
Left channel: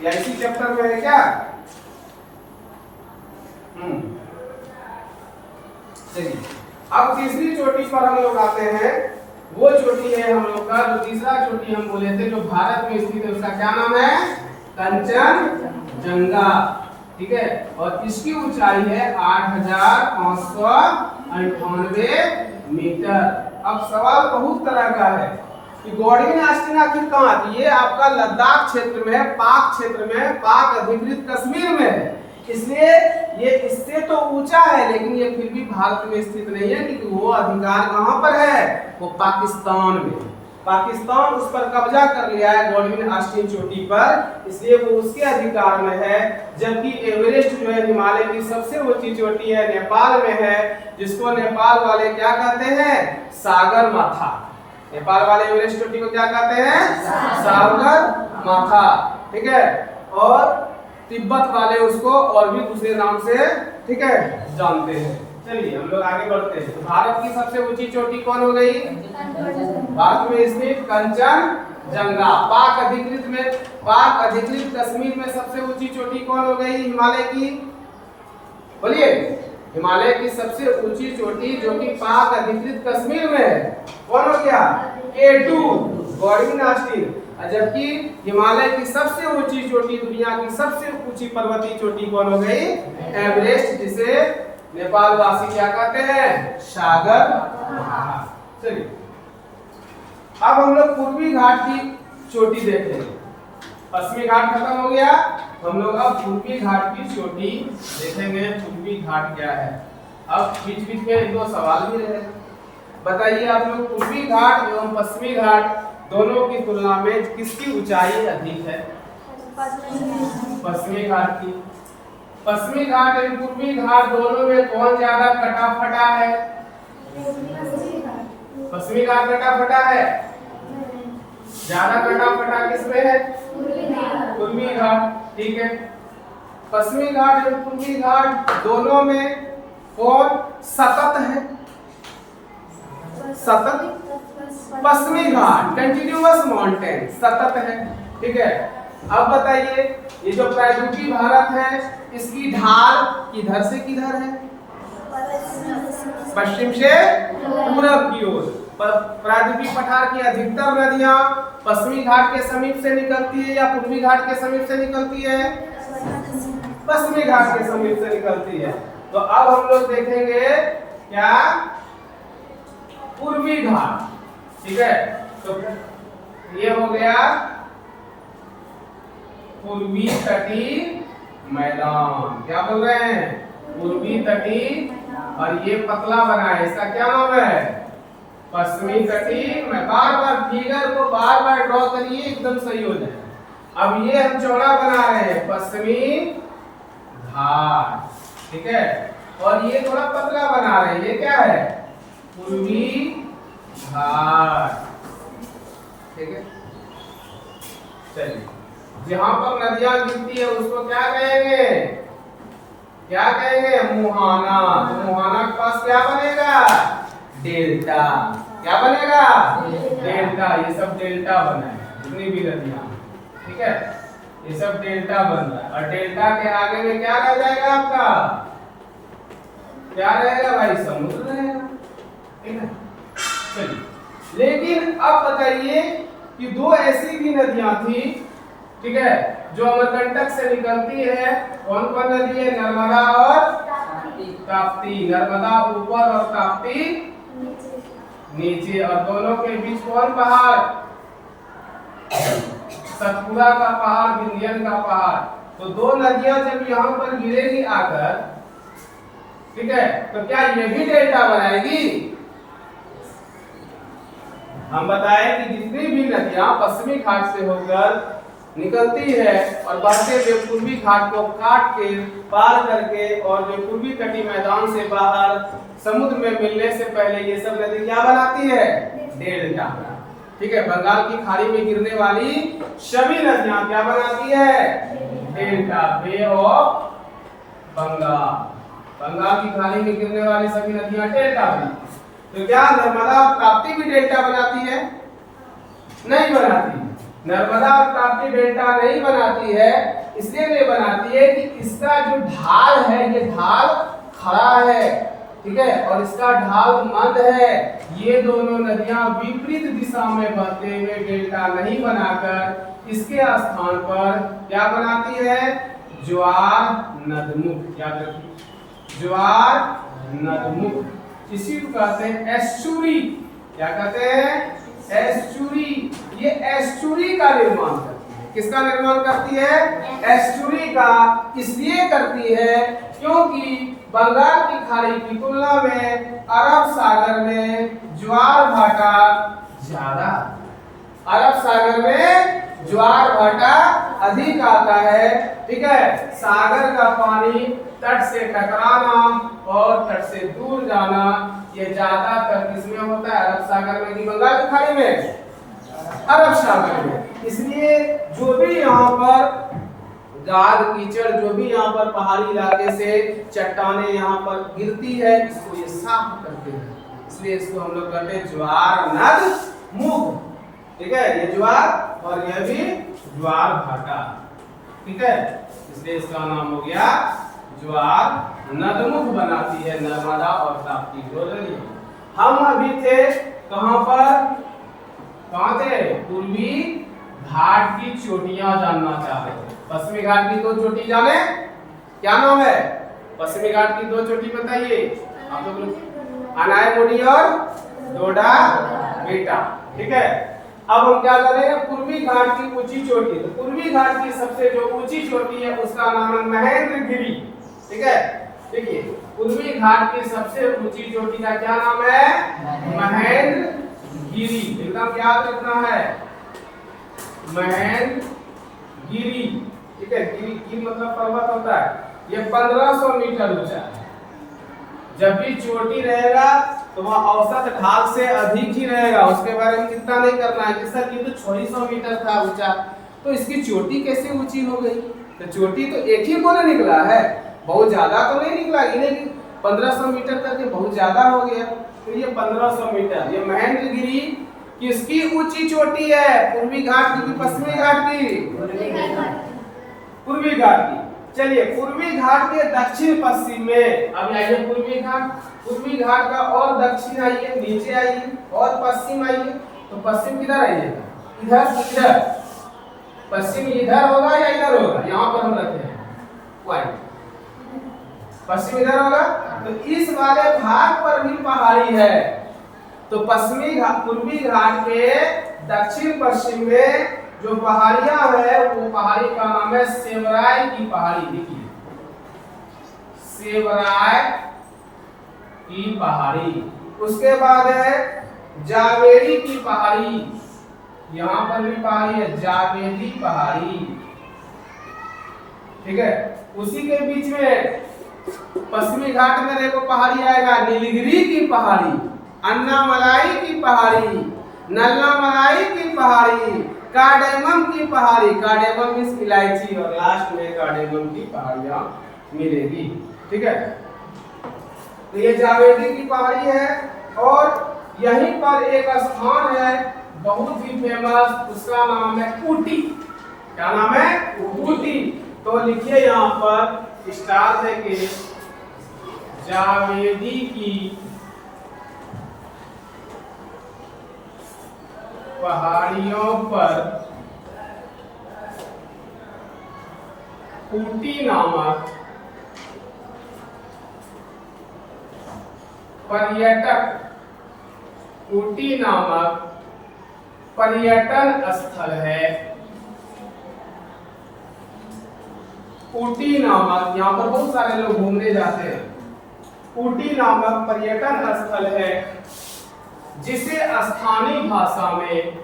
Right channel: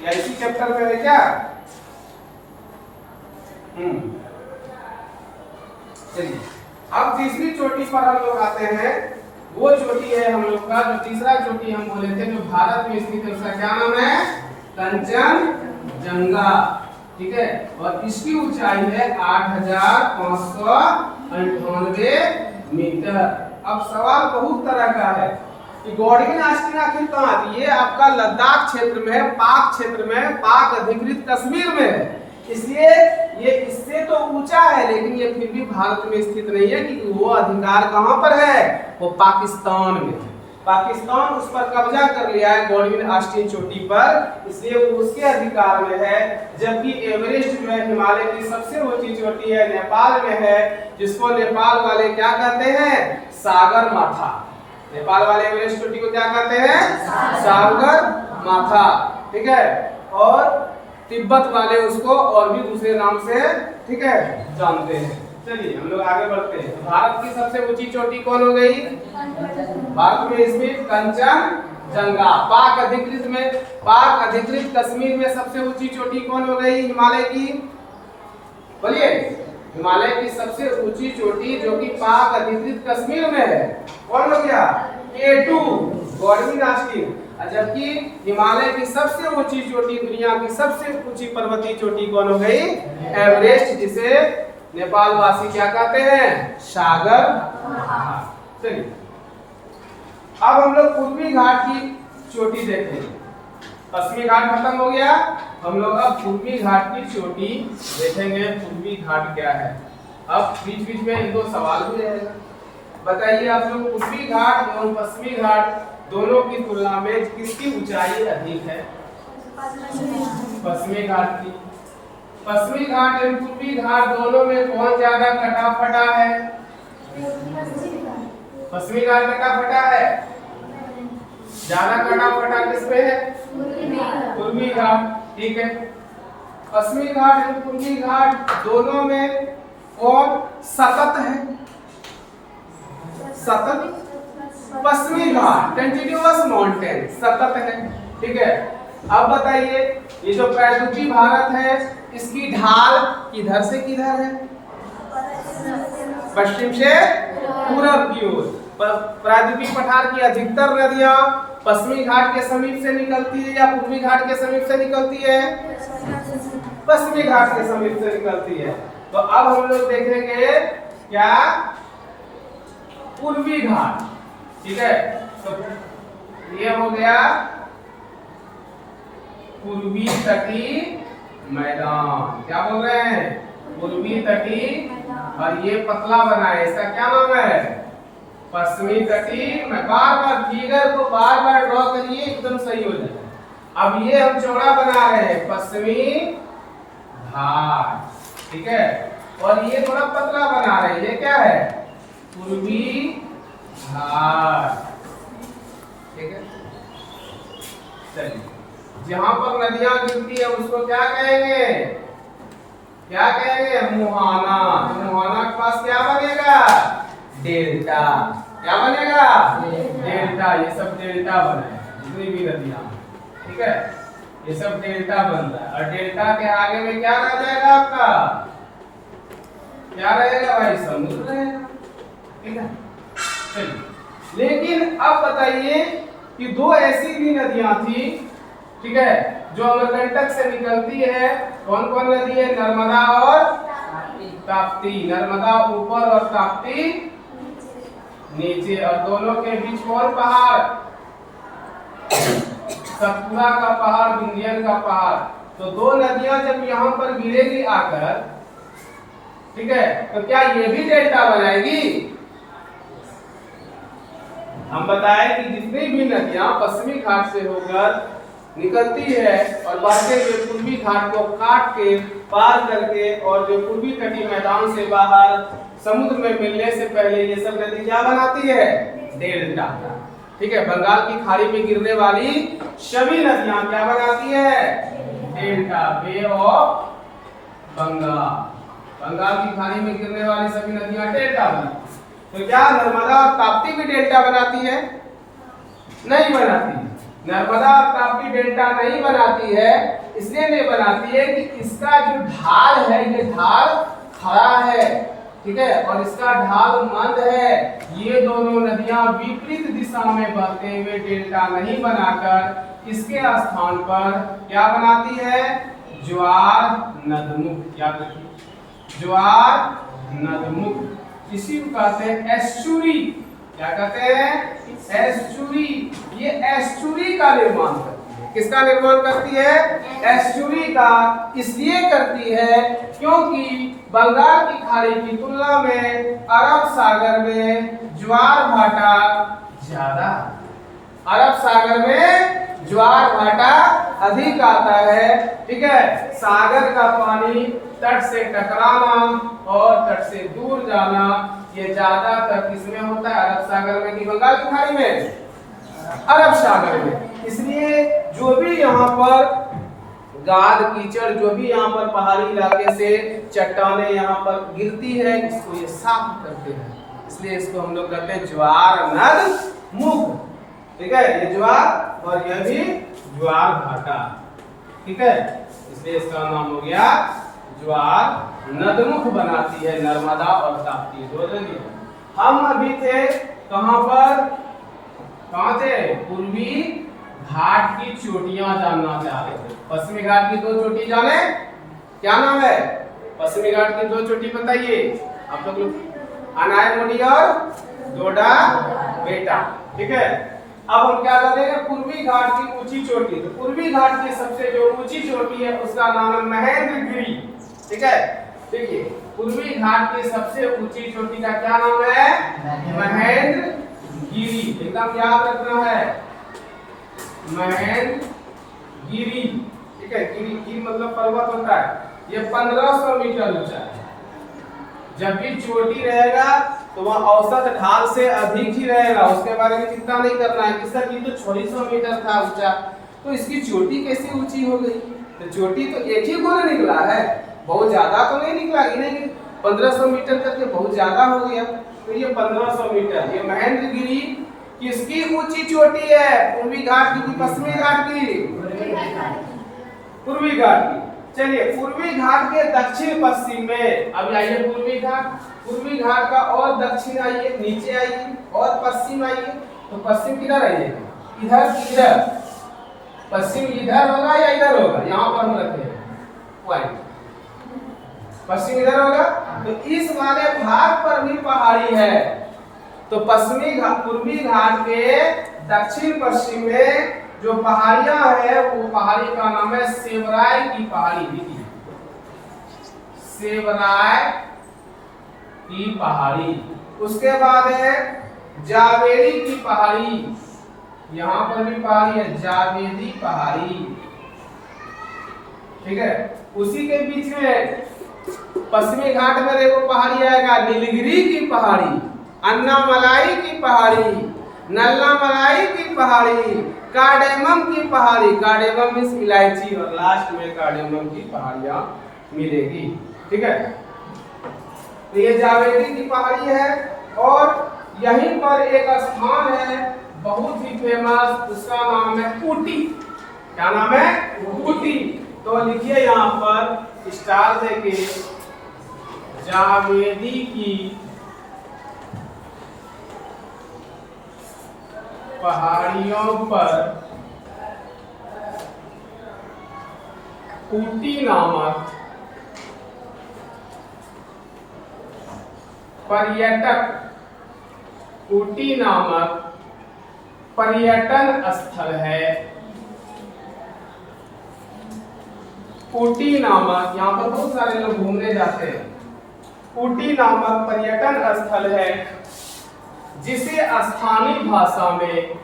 या इसी चैप्टर में है क्या? चलिए, अब तीसरी चोटी पर हम लोग आते हैं। वो चोटी है हम लोग का, जो तीसरा चोटी हम बोले थे जो भारत में स्थित है, उसका क्या नाम है? कंचनजंगा। ठीक है, और इसकी ऊंचाई है 8598 मीटर। अब सवाल बहुत तरह का है कि गॉडविन ऑस्टिन आखिर कहाँ थी? ये आपका लद्दाख क्षेत्र में है, पाक क्षेत्र में, पाक अधिकृत कश्मीर में है, इसलिए ये इससे तो ऊंचा है, लेकिन ये फिर भी भारत में स्थित नहीं है, क्योंकि वो अधिकार कहाँ पर है? वो पाकिस्तान में है। पाकिस्तान उस पर कब्जा कर लिया है गॉडविन ऑस्टिन चोटी पर, इसलिए वो उसके अधिकार में है। जबकि एवरेस्ट जो है हिमालय की सबसे ऊंची चोटी है, नेपाल में है, जिसको नेपाल वाले क्या कहते हैं? सागर माथा। नेपाल वाले एवरेस्ट चोटी को क्या कहते हैं? सागर माथा। ठीक है, और तिब्बत वाले उसको और भी दूसरे नाम से, ठीक है, जानते हैं। चलिए हम लोग आगे बढ़ते हैं। तो भारत की सबसे ऊंची चोटी कौन हो गई? भारत में स्थित कंचनजंगा। पाक अधिकृत में, पाक अधिकृत कश्मीर में सबसे ऊंची चोटी कौन हो गई हिमालय की? बोलिए, हिमालय की सबसे ऊंची चोटी जो कि पाक अधिकृत कश्मीर में है, कौन हो गया? K2, Godwin Austen. जबकि हिमालय की सबसे ऊंची चोटी, दुनिया की सबसे ऊंची पर्वतीय चोटी कौन हो गई? एवरेस्ट, जिसे नेपाल वासी क्या कहते हैं? सागर माथा। चलिए, अब हम लोग पूर्वी घाट की चोटी देखेंगे। पश्चिमी घाट खत्म हो गया, हम लोग अब पूर्वी घाट की चोटी देखेंगे। पूर्वी घाट क्या है? अब बीच बीच में 2 सवाल भी रहेगा। बताइए आप लोग, पूर्वी घाट एवं पश्चिमी घाट दोनों की तुलना में किसकी ऊंचाई अधिक है? पश्चिमी घाट की। पश्चिमी घाट एवं पूर्वी घाट दोनों में कौन ज्यादा कटा फटा है? पश्चिमी घाट कटा फटा है। ज्यादा कटा फटा किसमें है? पूर्वी घाट। ठीक है, पश्चिमी घाट एवं पूर्वी घाट दोनों में कौन सतत है? सतत पश्चिमी घाट, कंटिन्यूअस माउंटेन, सतत है। ठीक है, अब बताइए, ये जो प्रायद्वीपीय भारत है, इसकी ढाल किधर से किधर है? पश्चिम से पूरब की ओर। प्रायद्वीपीय पठार की अधिकतर नदियां पश्चिमी घाट के समीप से निकलती है या पूर्वी घाट के समीप से निकलती है? पश्चिमी घाट के समीप से निकलती है। तो अब हम लोग देखेंगे क्या? पूर्वी घाट। ठीक है, तो ये हो गया पूर्वी तटीय मैदान। क्या बोल रहे हैं? पूर्वी तटीय, और ये पतला बना है, इसका क्या नाम है? पश्चिमी तटीय। मैं बार बार फिगर को बार बार ड्रॉ करिए, एकदम सही हो जाएगा। अब ये हम चौड़ा बना रहे हैं, पश्चिमी घाट, ठीक है। और ये थोड़ा पतला बना रहे हैं, ये क्या है? पूर्वी घाट, ठीक है। चलिए, जहां पर नदियां गिरती है उसको क्या कहेंगे? क्या कहेंगे? मुहाना। तो मुहाना के पास क्या बनेगा? डेल्टा। क्या बनेगा? डेल्टा। ये सब डेल्टा बना है, जितनी भी नदियां, ठीक है, ये सब डेल्टा बन रहा है। और डेल्टा के आगे में क्या रह जाएगा आपका? क्या रहेगा भाई? समुद्र रहेगा, ठीक है। चलिए, लेकिन अब बताइए कि दो ऐसी भी नदियां थी, ठीक है, जो अमरकंटक से निकलती है। कौन कौन नदी है? नर्मदा और ताप्ती। नर्मदा ऊपर और ताप्ती नीचे। और दोनों के बीच कौन पहाड़? सतपुड़ा का पहाड़, विंध्यन का पहाड़। तो दो नदियां जब यहाँ पर गिरेगी आकर, ठीक है, तो क्या ये भी डेल्टा बनाएगी? हम बताएं कि जितनी भी नदियां पश्चिमी घाट से होकर निकलती है और बहते हुए पूर्वी घाट को काट के पार करके और जो पूर्वी तटीय मैदान से बाहर समुद्र में मिलने से पहले ये सब नदी क्या बनाती है? डेल्टा, ठीक है। बंगाल की खाड़ी में गिरने वाली सभी नदियां क्या बनाती है? Delta. Bay of Bengal, Bengal की खाड़ी में गिरने वाली सभी नदियां डेल्टा बनाती। तो क्या नर्मदा और ताप्ती भी डेल्टा बनाती है? नहीं बनाती। नर्मदा और ताप्ती डेल्टा नहीं बनाती है, इसलिए नहीं बनाती है कि इसका जो ढाल है, ये ढाल खड़ा है, ठीक है, और इसका ढाल मंद है। ये दोनों नदियां विपरीत दिशा में बहते हुए डेल्टा नहीं बनाकर इसके स्थान पर क्या बनाती है? ज्वार नदमुख। याद रखिए, ज्वार नदमुख। इसी को कहते हैं एस्चुरी। क्या कहते हैं? एस्चुरी। ये एस्चुरी का निर्माण करती है। किसका निर्माण करती है? एस्चुरी का। इसलिए करती है क्योंकि बंगाल की खाड़ी की तुलना में अरब सागर में ज्वार भाटा ज्यादा। अरब सागर में ज्वार भाटा अधिक आता है, ठीक है। सागर का पानी तट से टकराना और तट से दूर जाना ये ज्यादातर किसमें होता है? अरब सागर में कि बंगाल की खाड़ी में? अरब सागर में। इसलिए जो भी यहाँ पर गाद कीचड़, जो भी यहाँ पर पहाड़ी इलाके से चट्टाने यहाँ पर गिरती है, इसको ये साफ करते हैं। इसलिए इसको हम लोग कहते हैं ज्वार नदमुख, ठीक है। ये ज्वार और यह भी ज्वार भाटा, ठीक है। इसलिए इसका नाम हो गया ज्वार नदमुख बनाती है नर्मदा और ताप्ती दो नदियां। हम अभी थे कहां पर? कहां थे? पूर्वी घाट की चोटियां जानना चाह रहे थे। पश्चिमी घाट की दो चोटी जाने? क्या नाम है? पश्चिमी घाट की दो चोटी बताइए आप लोग। अनायमुडी और डोडा बेटा, ठीक है। अब हम क्या करेंगे? पूर्वी घाट की ऊंची चोटी। तो पूर्वी घाट की सबसे जो ऊंची चोटी है उसका नाम है महेंद्रगिरी, ठीक है। देखिए, पूर्वी घाट की सबसे ऊंची चोटी का क्या नाम है? महेंद्रगिरी। एकदम याद रखना है, महेंद्रगिरी, ठीक है। गिरी, गिरी मतलब पर्वत होता है। ये 1500 मीटर ऊंचा है। जब भी चोटी रहेगा तो वह औसत ढाल से अधिक ही रहेगा, उसके बारे में चिंता नहीं करना है कि सर ये तो 600 मीटर था ऊंचा, तो इसकी चोटी कैसे ऊंची हो गई? तो चोटी तो एक ही कोने निकला है, बहुत ज्यादा तो नहीं निकला। इन्हें 1500 मीटर करके बहुत ज्यादा हो गया। तो ये 1500 मीटर, ये महेंद्रगिरी किसकी ऊंची चोटी है? पूर्वी घाट की पश्चिमी घाट की? पूर्वी घाट की। चलिए, पूर्वी घाट के दक्षिण पश्चिम में अब आइए पूर्वी घाट। पूर्वी घाट का और दक्षिण आइए, नीचे आइए और पश्चिम आइए। तो पश्चिम किधर आइएगा? इधर, इधर। पश्चिम इधर होगा या इधर होगा? यहाँ पर हम रखे हैं पॉइंट। पश्चिम इधर होगा। तो इस वाले भाग पर भी पहाड़ी है। तो पश्चिमी घाट, पूर्वी घाट के दक्षिण पश्चिम में जो पहाड़ियां है वो पहाड़ी का नाम है सेवराय की पहाड़ी। देखिए सेवराय की पहाड़ी। उसके बाद है जावेरी की पहाड़ी, यहां पर भी पहाड़ी है जावेरी पहाड़ी, ठीक है। उसी के बीच में पश्चिमी घाट में देखो पहाड़ी आएगा नीलगिरी की पहाड़ी, अन्नामलाई की पहाड़ी, नल्लामलाई की पहाड़ी, कार्डेमम की पहाड़ी, कार्डेमम इस इलायची, और लास्ट में कार्डेमम की पहाड़ियां मिलेगी, ठीक है। तो ये जावेदी की पहाड़ी है। और यहीं पर एक स्थान है बहुत ही फेमस, उसका नाम है ऊटी। क्या नाम है? ऊटी। तो लिखिए यहाँ पर स्टार देके जावेदी की पहाड़ियों पर ऊटी नामक पर्यटक, ऊटी नामक पर्यटन स्थल है। ऊटी नामक, यहाँ पर बहुत सारे लोग घूमने जाते हैं। ऊटी नामक पर्यटन स्थल है जिसे स्थानीय भाषा में,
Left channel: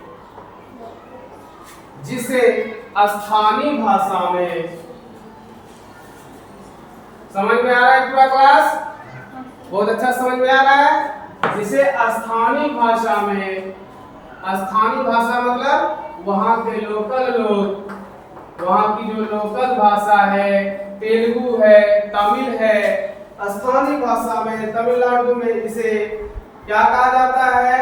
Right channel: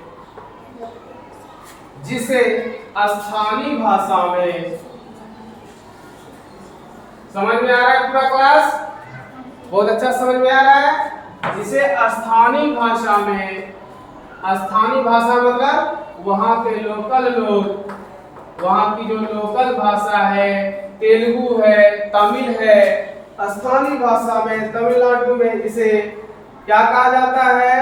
जिसे स्थानीय भाषा में, समझ में आ रहा है पूरा क्लास? बहुत अच्छा समझ में आ रहा है। जिसे स्थानीय भाषा में, स्थानीय भाषा मतलब वहाँ के लोकल लोग, वहाँ की जो लोकल भाषा है, तेलुगु है, तमिल है, स्थानीय भाषा में तमिलनाडु में इसे क्या कहा जाता है?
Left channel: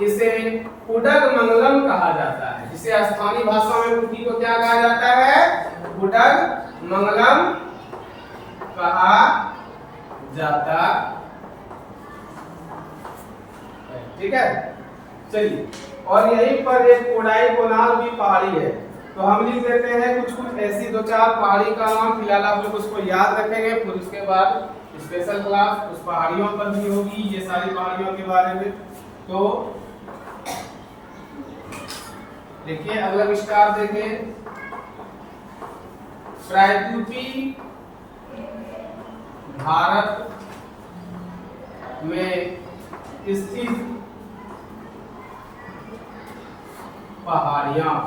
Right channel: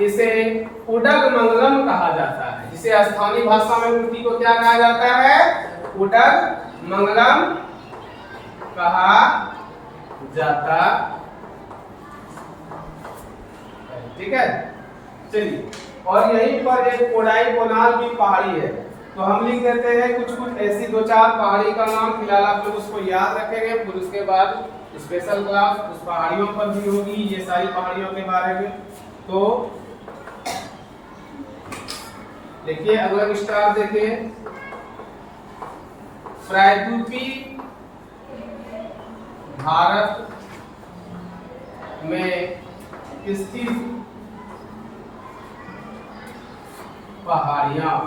इसे उडगमंगलम कहा जाता है। जिसे स्थानीय भाषा में ऊटी को क्या कहा जाता है? उडगमंगलम कहा जाता है, ठीक है। चलिए, और यहीं पर एक कोडाई कोनाल की पहाड़ी है। तो हम लिख देते हैं कुछ कुछ ऐसी दो चार पहाड़ी का नाम, फिलहाल आप लोग उसको याद रखेंगे, फिर उसके बाद स्पेशल क्लास उस पहाड़ियों पर भी होगी, ये सारी पहाड़ियों के बारे में। तो देखिए अगला स्टार देखें, प्रायद्वीपी भारत में स्थित पहाड़ियां,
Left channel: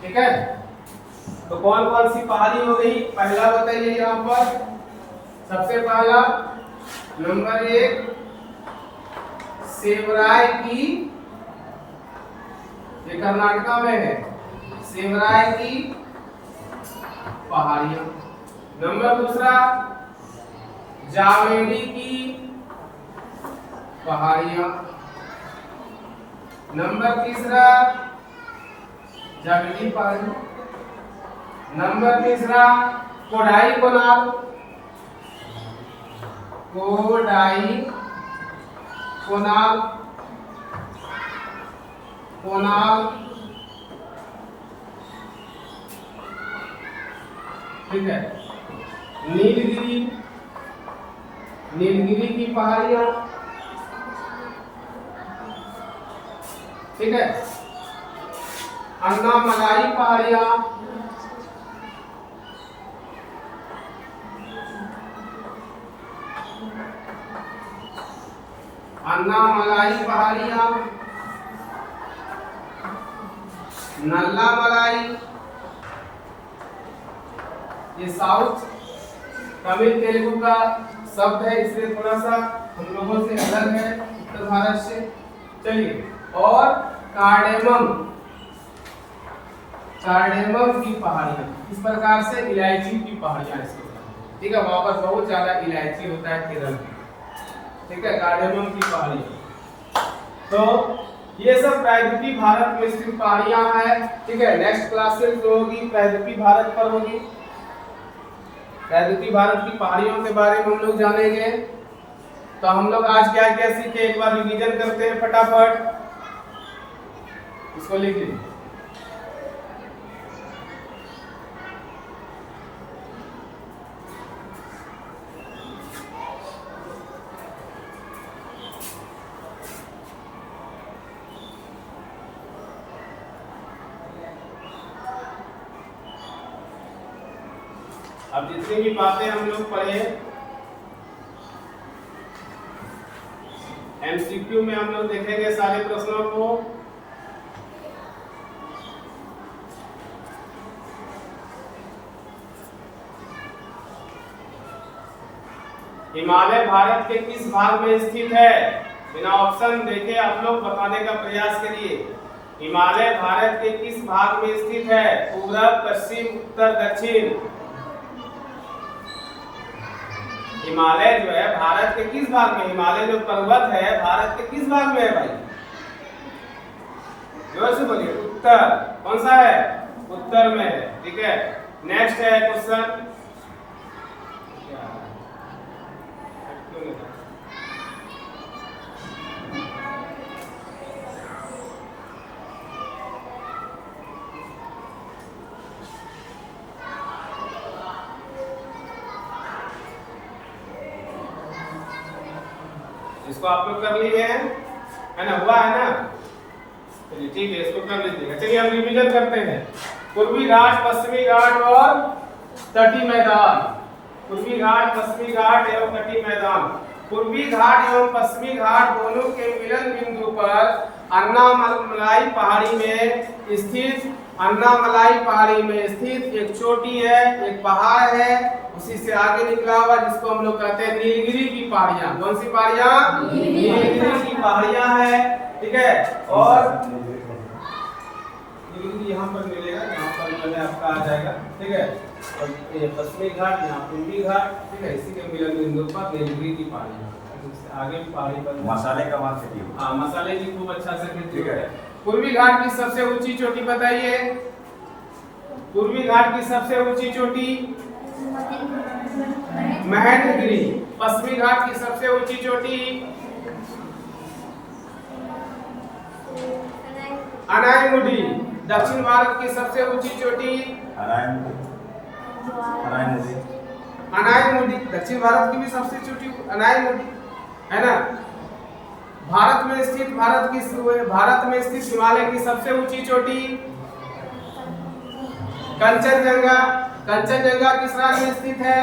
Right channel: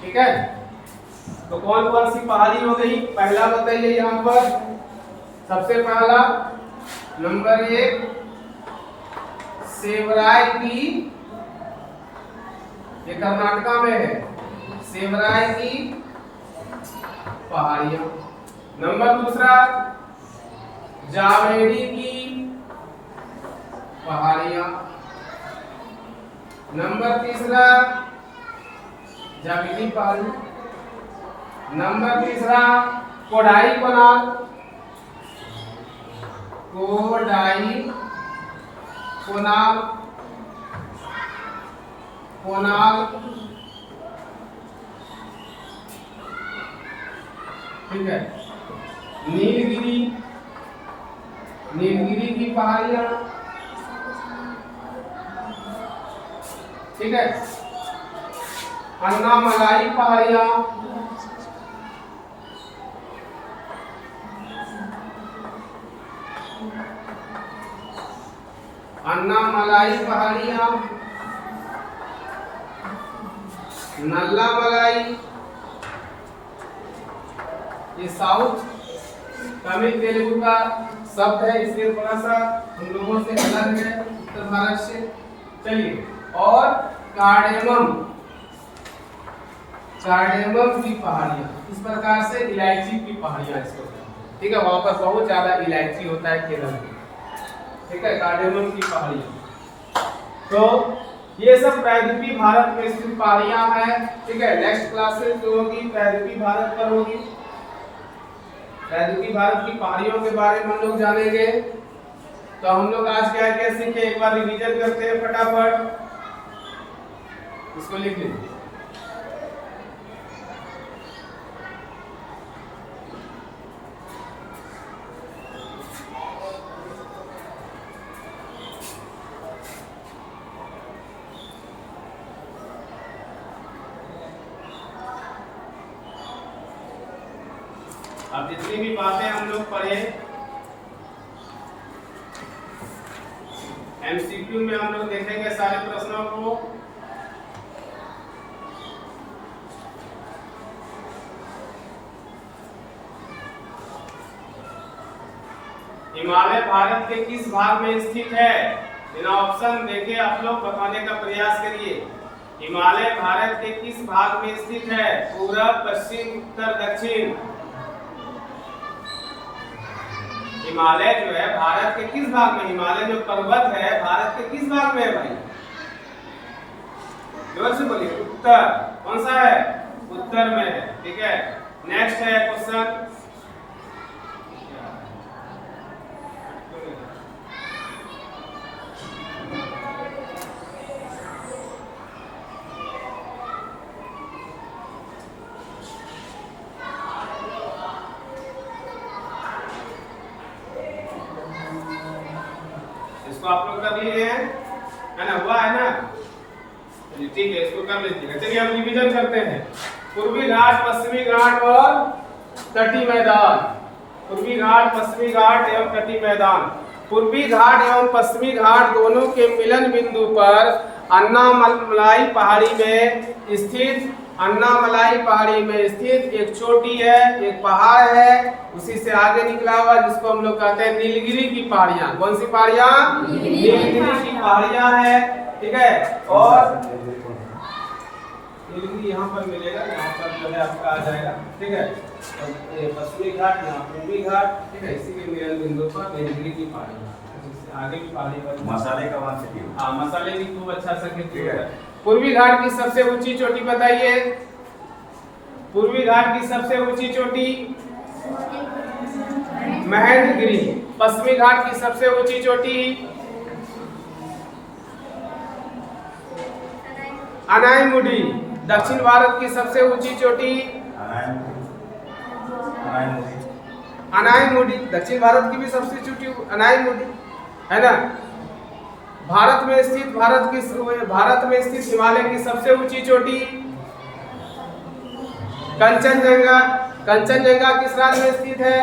ठीक है। तो कौन कौन सी पहाड़ी हो गई? पहला बताइए यहाँ पर, सबसे पहला नंबर 1 सेवराय की, ये कर्नाटका में है, सेवराय की पहाड़ियां। नंबर दूसरा जावेरी की पहाड़ियां। नंबर तीसरा जावेरी पहाड़ी। नंबर तीसरा कोडाई कोनाल, कोडाई कोनाल, कोनाल, ठीक है। नीलगिरी, नीलगिरी की पहाड़ियां, ठीक है। अन्नामलाई पहाड़ियां, अन्नामलाई पहाड़ियां, नल्लामलाई, ये साउथ तमिल तेलुगु का शब्द है, इसलिए थोड़ा सा हम लोगों से अलग है उत्तर भारत से। चलिए, और कार्डेमम, कार्डेमम की पहाड़ियां, इस प्रकार से इलायची की पहाड़ियां इसको कहते हैं, ठीक है। वहां पर बहुत ज्यादा इलायची होता है केरल में, ठीक है। कार्डेमम की पहाड़ियां, तो ये सब प्रायद्वीपीय भारत में स्थित पहाड़ियां हैं, ठीक है। नेक्स्ट क्लासेस जो होगी प्रायद्वीपीय भारत पर होगी। प्रायद्वीपीय भारत की पहाड़ियों के बारे में हम लोग जानेंगे। तो हम लोग आज क्या क्या सीखे, एक बार रिवीजन करते हैं फटाफट, इसको लिख लीजिए। अब जितनी भी बातें हम लोग पढ़े एमसीक्यू में हम लोग देखेंगे सारे प्रश्नों को। हिमालय भारत के किस भाग में स्थित है? बिना ऑप्शन देखे आप लोग बताने का प्रयास करिए। हिमालय भारत के किस भाग में स्थित है? पूरब, पश्चिम, उत्तर, दक्षिण। हिमालय जो है भारत के किस भाग में? हिमालय जो पर्वत है भारत के किस भाग में है भाई? जोर से बोलिए। उत्तर। कौन सा है? उत्तर में है। ठीक है, नेक्स्ट है क्वेश्चन। इसको आप लोग कर लिए हैं, है ना? हुआ है ना? चलिए ठीक है, इसको कर लीजिएगा। चलिए हम रिवीजन करते हैं। पूर्वी घाट, पश्चिमी घाट और तटीय मैदान। पूर्वी घाट, पश्चिमी घाट एवं तटीय मैदान। पूर्वी घाट एवं पश्चिमी घाट दोनों के मिलन बिंदु पर अन्नामलाई पहाड़ी में स्थित एक चोटी है, एक पहाड़ है, उसी से आगे निकला हुआ जिसको हम लोग कहते हैं नीलगिरी की पहाड़ियां। कौन सी पहाड़ियां? नीलगिरी की पहाड़ियां है। ठीक है, और नीलगिरी यहाँ पर मिलेगा, यहाँ पर जो है आपका आ जाएगा। ठीक है, और ये पश्चिमी घाट, यहाँ पूर्वी घाट। ठीक है, इसी के मिलन बिंदु पर नीलगिरी की पहाड़ियां। आगे भी पहाड़ी पर मसाले का वहां खेती होता है। हाँ, मसाले की खूब अच्छा से खेती होता है। पूर्वी घाट की सबसे ऊंची चोटी बताइए। पूर्वी घाट की सबसे ऊंची चोटी महेंद्रगिरी। पश्चिमी घाट की सबसे ऊंची चोटी अनायमुडी। दक्षिण भारत की सबसे ऊंची चोटी अनायमुडी। दक्षिण भारत की भी सबसे चोटी अनायमुडी है ना। भारत में स्थित हिमालय की सबसे ऊंची चोटी कंचनजंगा। कंचनजंगा किस राज्य में स्थित है?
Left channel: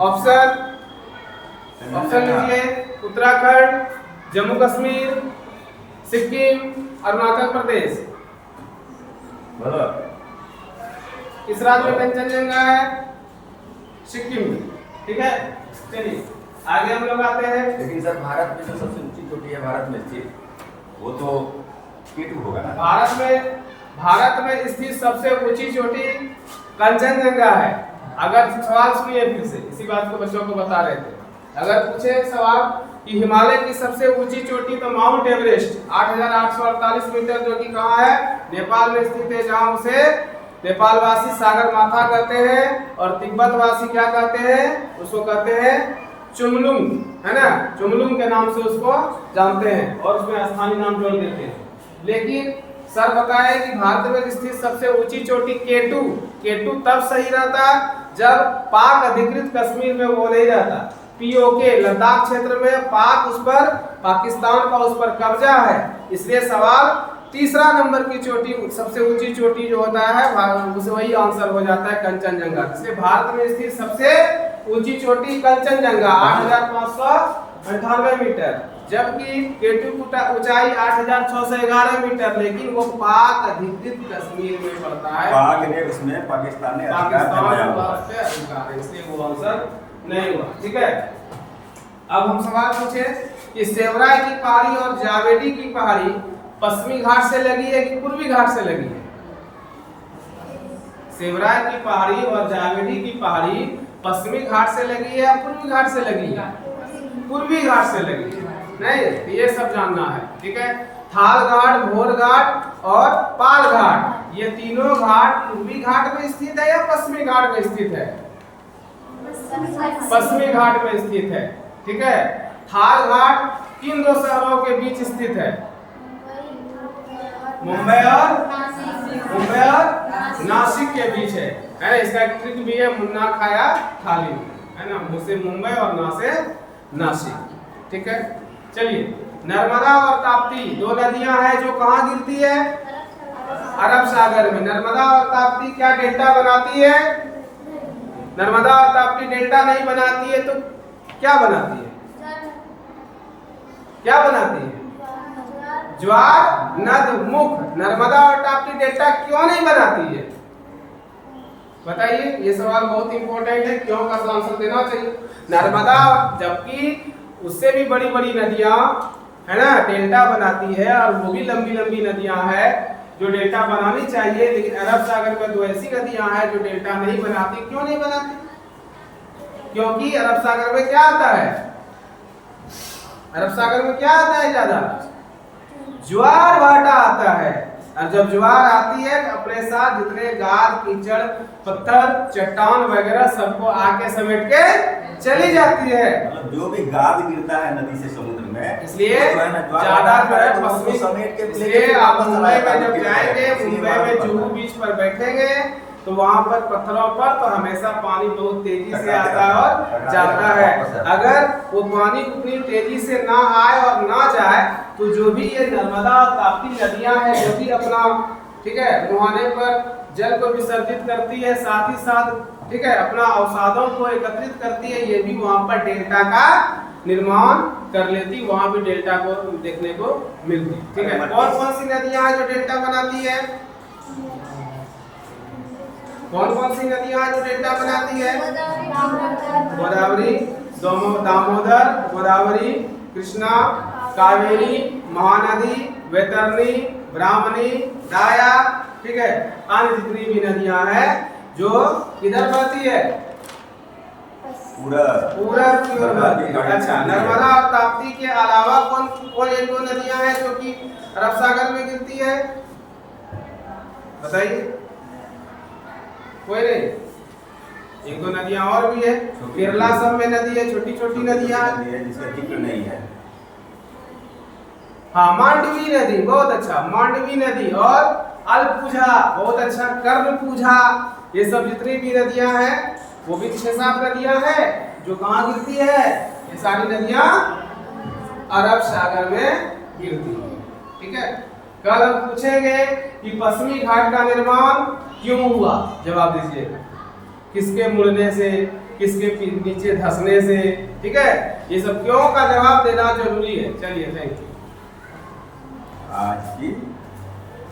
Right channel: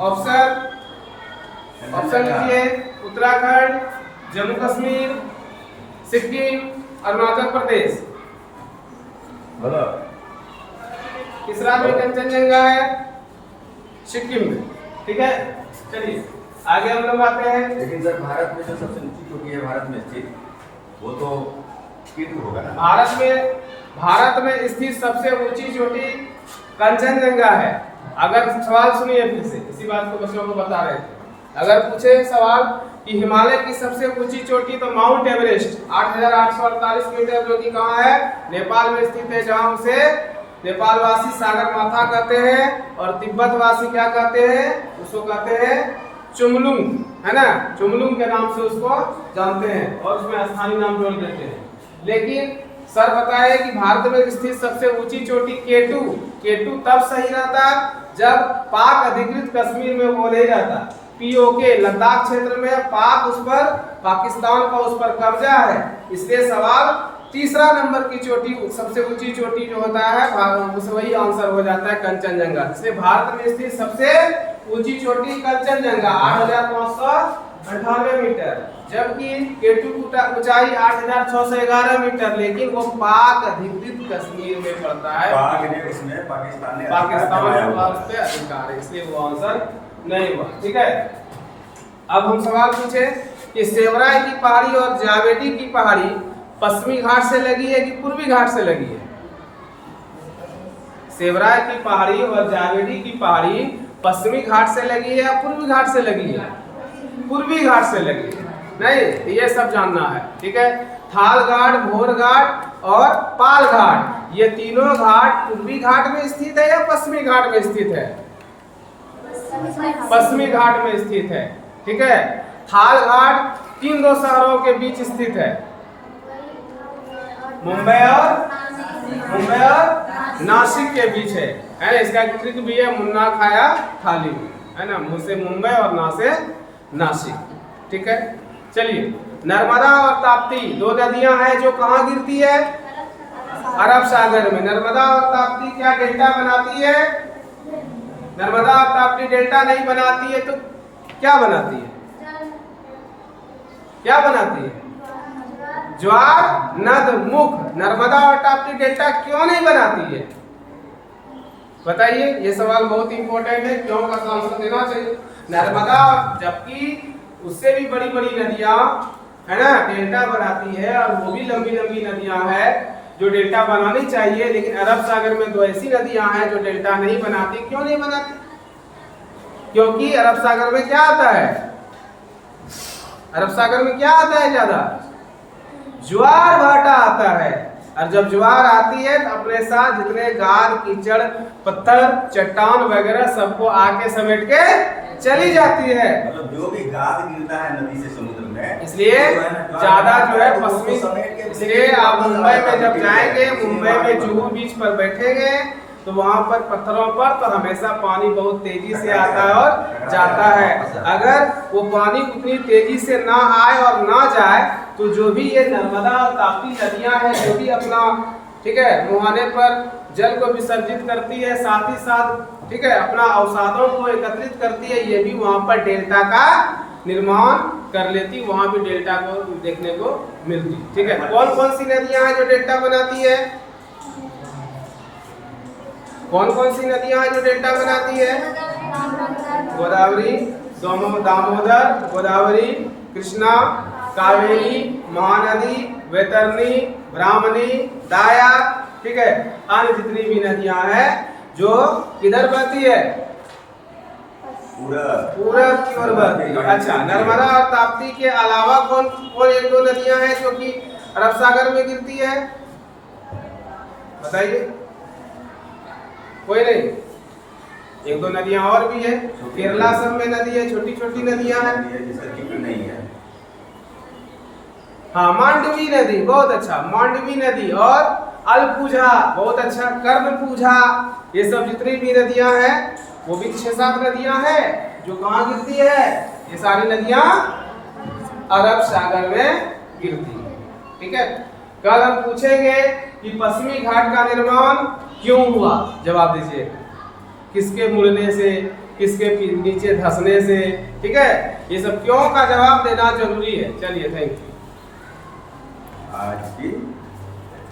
ऑप्शन लीजिए। उत्तराखंड, जम्मू कश्मीर, सिक्किम, अरुणाचल प्रदेश। किस राज्य में कंचनजंगा है? सिक्किम में। ठीक है, चलिए आगे हम लोग आते हैं। लेकिन सर भारत में जो सबसे ऊंची चोटी है भारत में स्थित, वो तो K2 होगा ना? भारत में स्थित सबसे ऊंची चोटी कंचनजंगा है। अगर सवाल सुनिए फिर से, इसी बात को बच्चों को बता रहे थे। अगर पूछे सवाल कि हिमालय की सबसे ऊंची चोटी तो माउंट एवरेस्ट 8,848 मीटर, जो कि कहाँ है? नेपाल में स्थित है, जहाँ उसे नेपाल वासी सागर माथा कहते हैं और तिब्बत वासी क्या कहते हैं? उसको कहते हैं चुमलुंग, है ना। चुमलुंग के नाम से उसको जानते हैं और उसमें स्थानीय नाम जोड़ देते हैं। लेकिन सर बताए कि भारत में स्थित सबसे ऊंची चोटी K2 तब सही रहता जब पाक अधिकृत कश्मीर में वो नहीं रहता। POK लद्दाख क्षेत्र में पाकिस्तान का उस पर कब्जा है। इसलिए सवाल तीसरा नंबर की चोटी, सबसे ऊंची चोटी जो होता है उसे वही आंसर हो जाता है कंचनजंगा। इसलिए भारत में स्थित सबसे ऊंची चोटी कंचनजंगा 8,598 मीटर, जबकि K2 की ऊंचाई 8,611 मीटर, लेकिन वो पाक अधिकृत कश्मीर में पड़ता है। इसमें पाकिस्तान पे अधिकार है, इसलिए वो आंसर नहीं हुआ। ठीक है, अब हम सवाल पूछे कि सेवराय की पहाड़ी और जावेडी की पहाड़ी पश्चिमी घाट से लगी है कि पूर्वी घाट से लगी है? सेवराय की पहाड़ी और जावेडी की पहाड़ी पश्चिमी घाट से लगी है या पूर्वी घाट से लगी है? पूर्वी घाट से लगी है। नहीं, ये सब जानना है। ठीक है, थाल घाट, भोर घाट और पाल घाट, ये तीनों घाट पूर्वी घाट में स्थित है या पश्चिमी घाट में स्थित है? पश्चिमी घाट में स्थित है। ठीक है, थाल घाट किन दो शहरों के बीच स्थित है? मुंबई और नासिक के बीच है। इसका ट्रिक भी है, मुन्ना खाया थाली, है ना। मुंह से मुंबई और ना से नासिक। ठीक है, चलिए नर्मदा और ताप्ती दो नदियां हैं जो कहाँ गिरती है? अरब सागर में। नर्मदा और ताप्ती क्या डेल्टा बनाती है? नर्मदा और ताप्ती डेल्टा नहीं बनाती है तो क्या बनाती है? क्या बनाती है? ज्वार नद मुख। नर्मदा और ताप्ती डेल्टा क्यों नहीं बनाती है? बताइए, ये सवाल बहुत इंपॉर्टेंट है, क्यों का आंसर देना चाहिए। नर्मदा, जबकि उससे भी बड़ी बड़ी नदियां है ना डेल्टा बनाती है, और वो भी लंबी लंबी नदियां हैं जो डेल्टा बनानी चाहिए, लेकिन अरब सागर में दो ऐसी नदियां हैं जो डेल्टा नहीं बनाती। क्यों नहीं बनाती? क्योंकि अरब सागर में क्या आता है? अरब सागर में क्या आता है? ज्यादा ज्वार भाटा आता है, और जब ज्वार आती है तो अपने साथ जितने गार कीचड़ पत्थर चट्टान वगैरह सबको आके समेट के चली जाती है। मतलब जो भी गाद गिरता है नदी से समुद्र में, इसलिए ज्यादा जो है पश्चिमी, इसलिए आप मुंबई में जब जाएंगे, मुंबई में जुहू बीच पर बैठेंगे तो वहां पर पत्थरों पर तो हमेशा पानी बहुत तेजी से आता है और जाता है। अगर वो पानी उतनी तेजी से ना आए और ना जाए तो जो भी ये नर्मदा और ताप्ती नदियां हैं जो भी अपना ठीक है मुहाने पर जल को विसर्जित करती है, साथ ही साथ ठीक है अपना अवसादों को एकत्रित करती है, ये भी वहां पर डेल्टा का निर्माण कर लेती, वहां भी डेल्टा को देखने को मिलती। ठीक है, कौन कौन सी नदियां हैं जो डेल्टा बनाती है? कौन कौन सी नदियां हैं जो डेल्टा बनाती है? गोदावरी, दामोदर, गोदावरी, कृष्णा, कावेरी, महानदी, वैतरणी, ब्राह्मणी, दाया, ठीक है, अन्य जितनी भी नदियां हैं जो किधर बहती है? पूरब की ओर बहती है। अच्छा, नर्मदा और ताप्ती के अलावा कौन कौन एक दो नदियां हैं जो कि अरब सागर में गिरती है? बताइए, कोई नहीं? एक दो नदियां और भी है, केरला सब में नदी है, छोटी छोटी नदियां हैं जिसका जिक्र नहीं है। हाँ, मांडवी नदी, बहुत अच्छा, मांडवी नदी, और अलपूझा, बहुत अच्छा, कर्णपूझा, ये सब जितनी भी नदियां हैं वो भी 6-7 नदियां हैं जो कहाँ गिरती है? ये सारी नदियां अरब सागर में गिरती है। ठीक है, कल हम पूछेंगे कि पश्चिमी घाट का निर्माण क्यों हुआ, जवाब दीजिएगा। किसके मुड़ने से, किसके नीचे धंसने से, ठीक है, ये सब क्यों का जवाब देना जरूरी है। चलिए, थैंक यू। आज की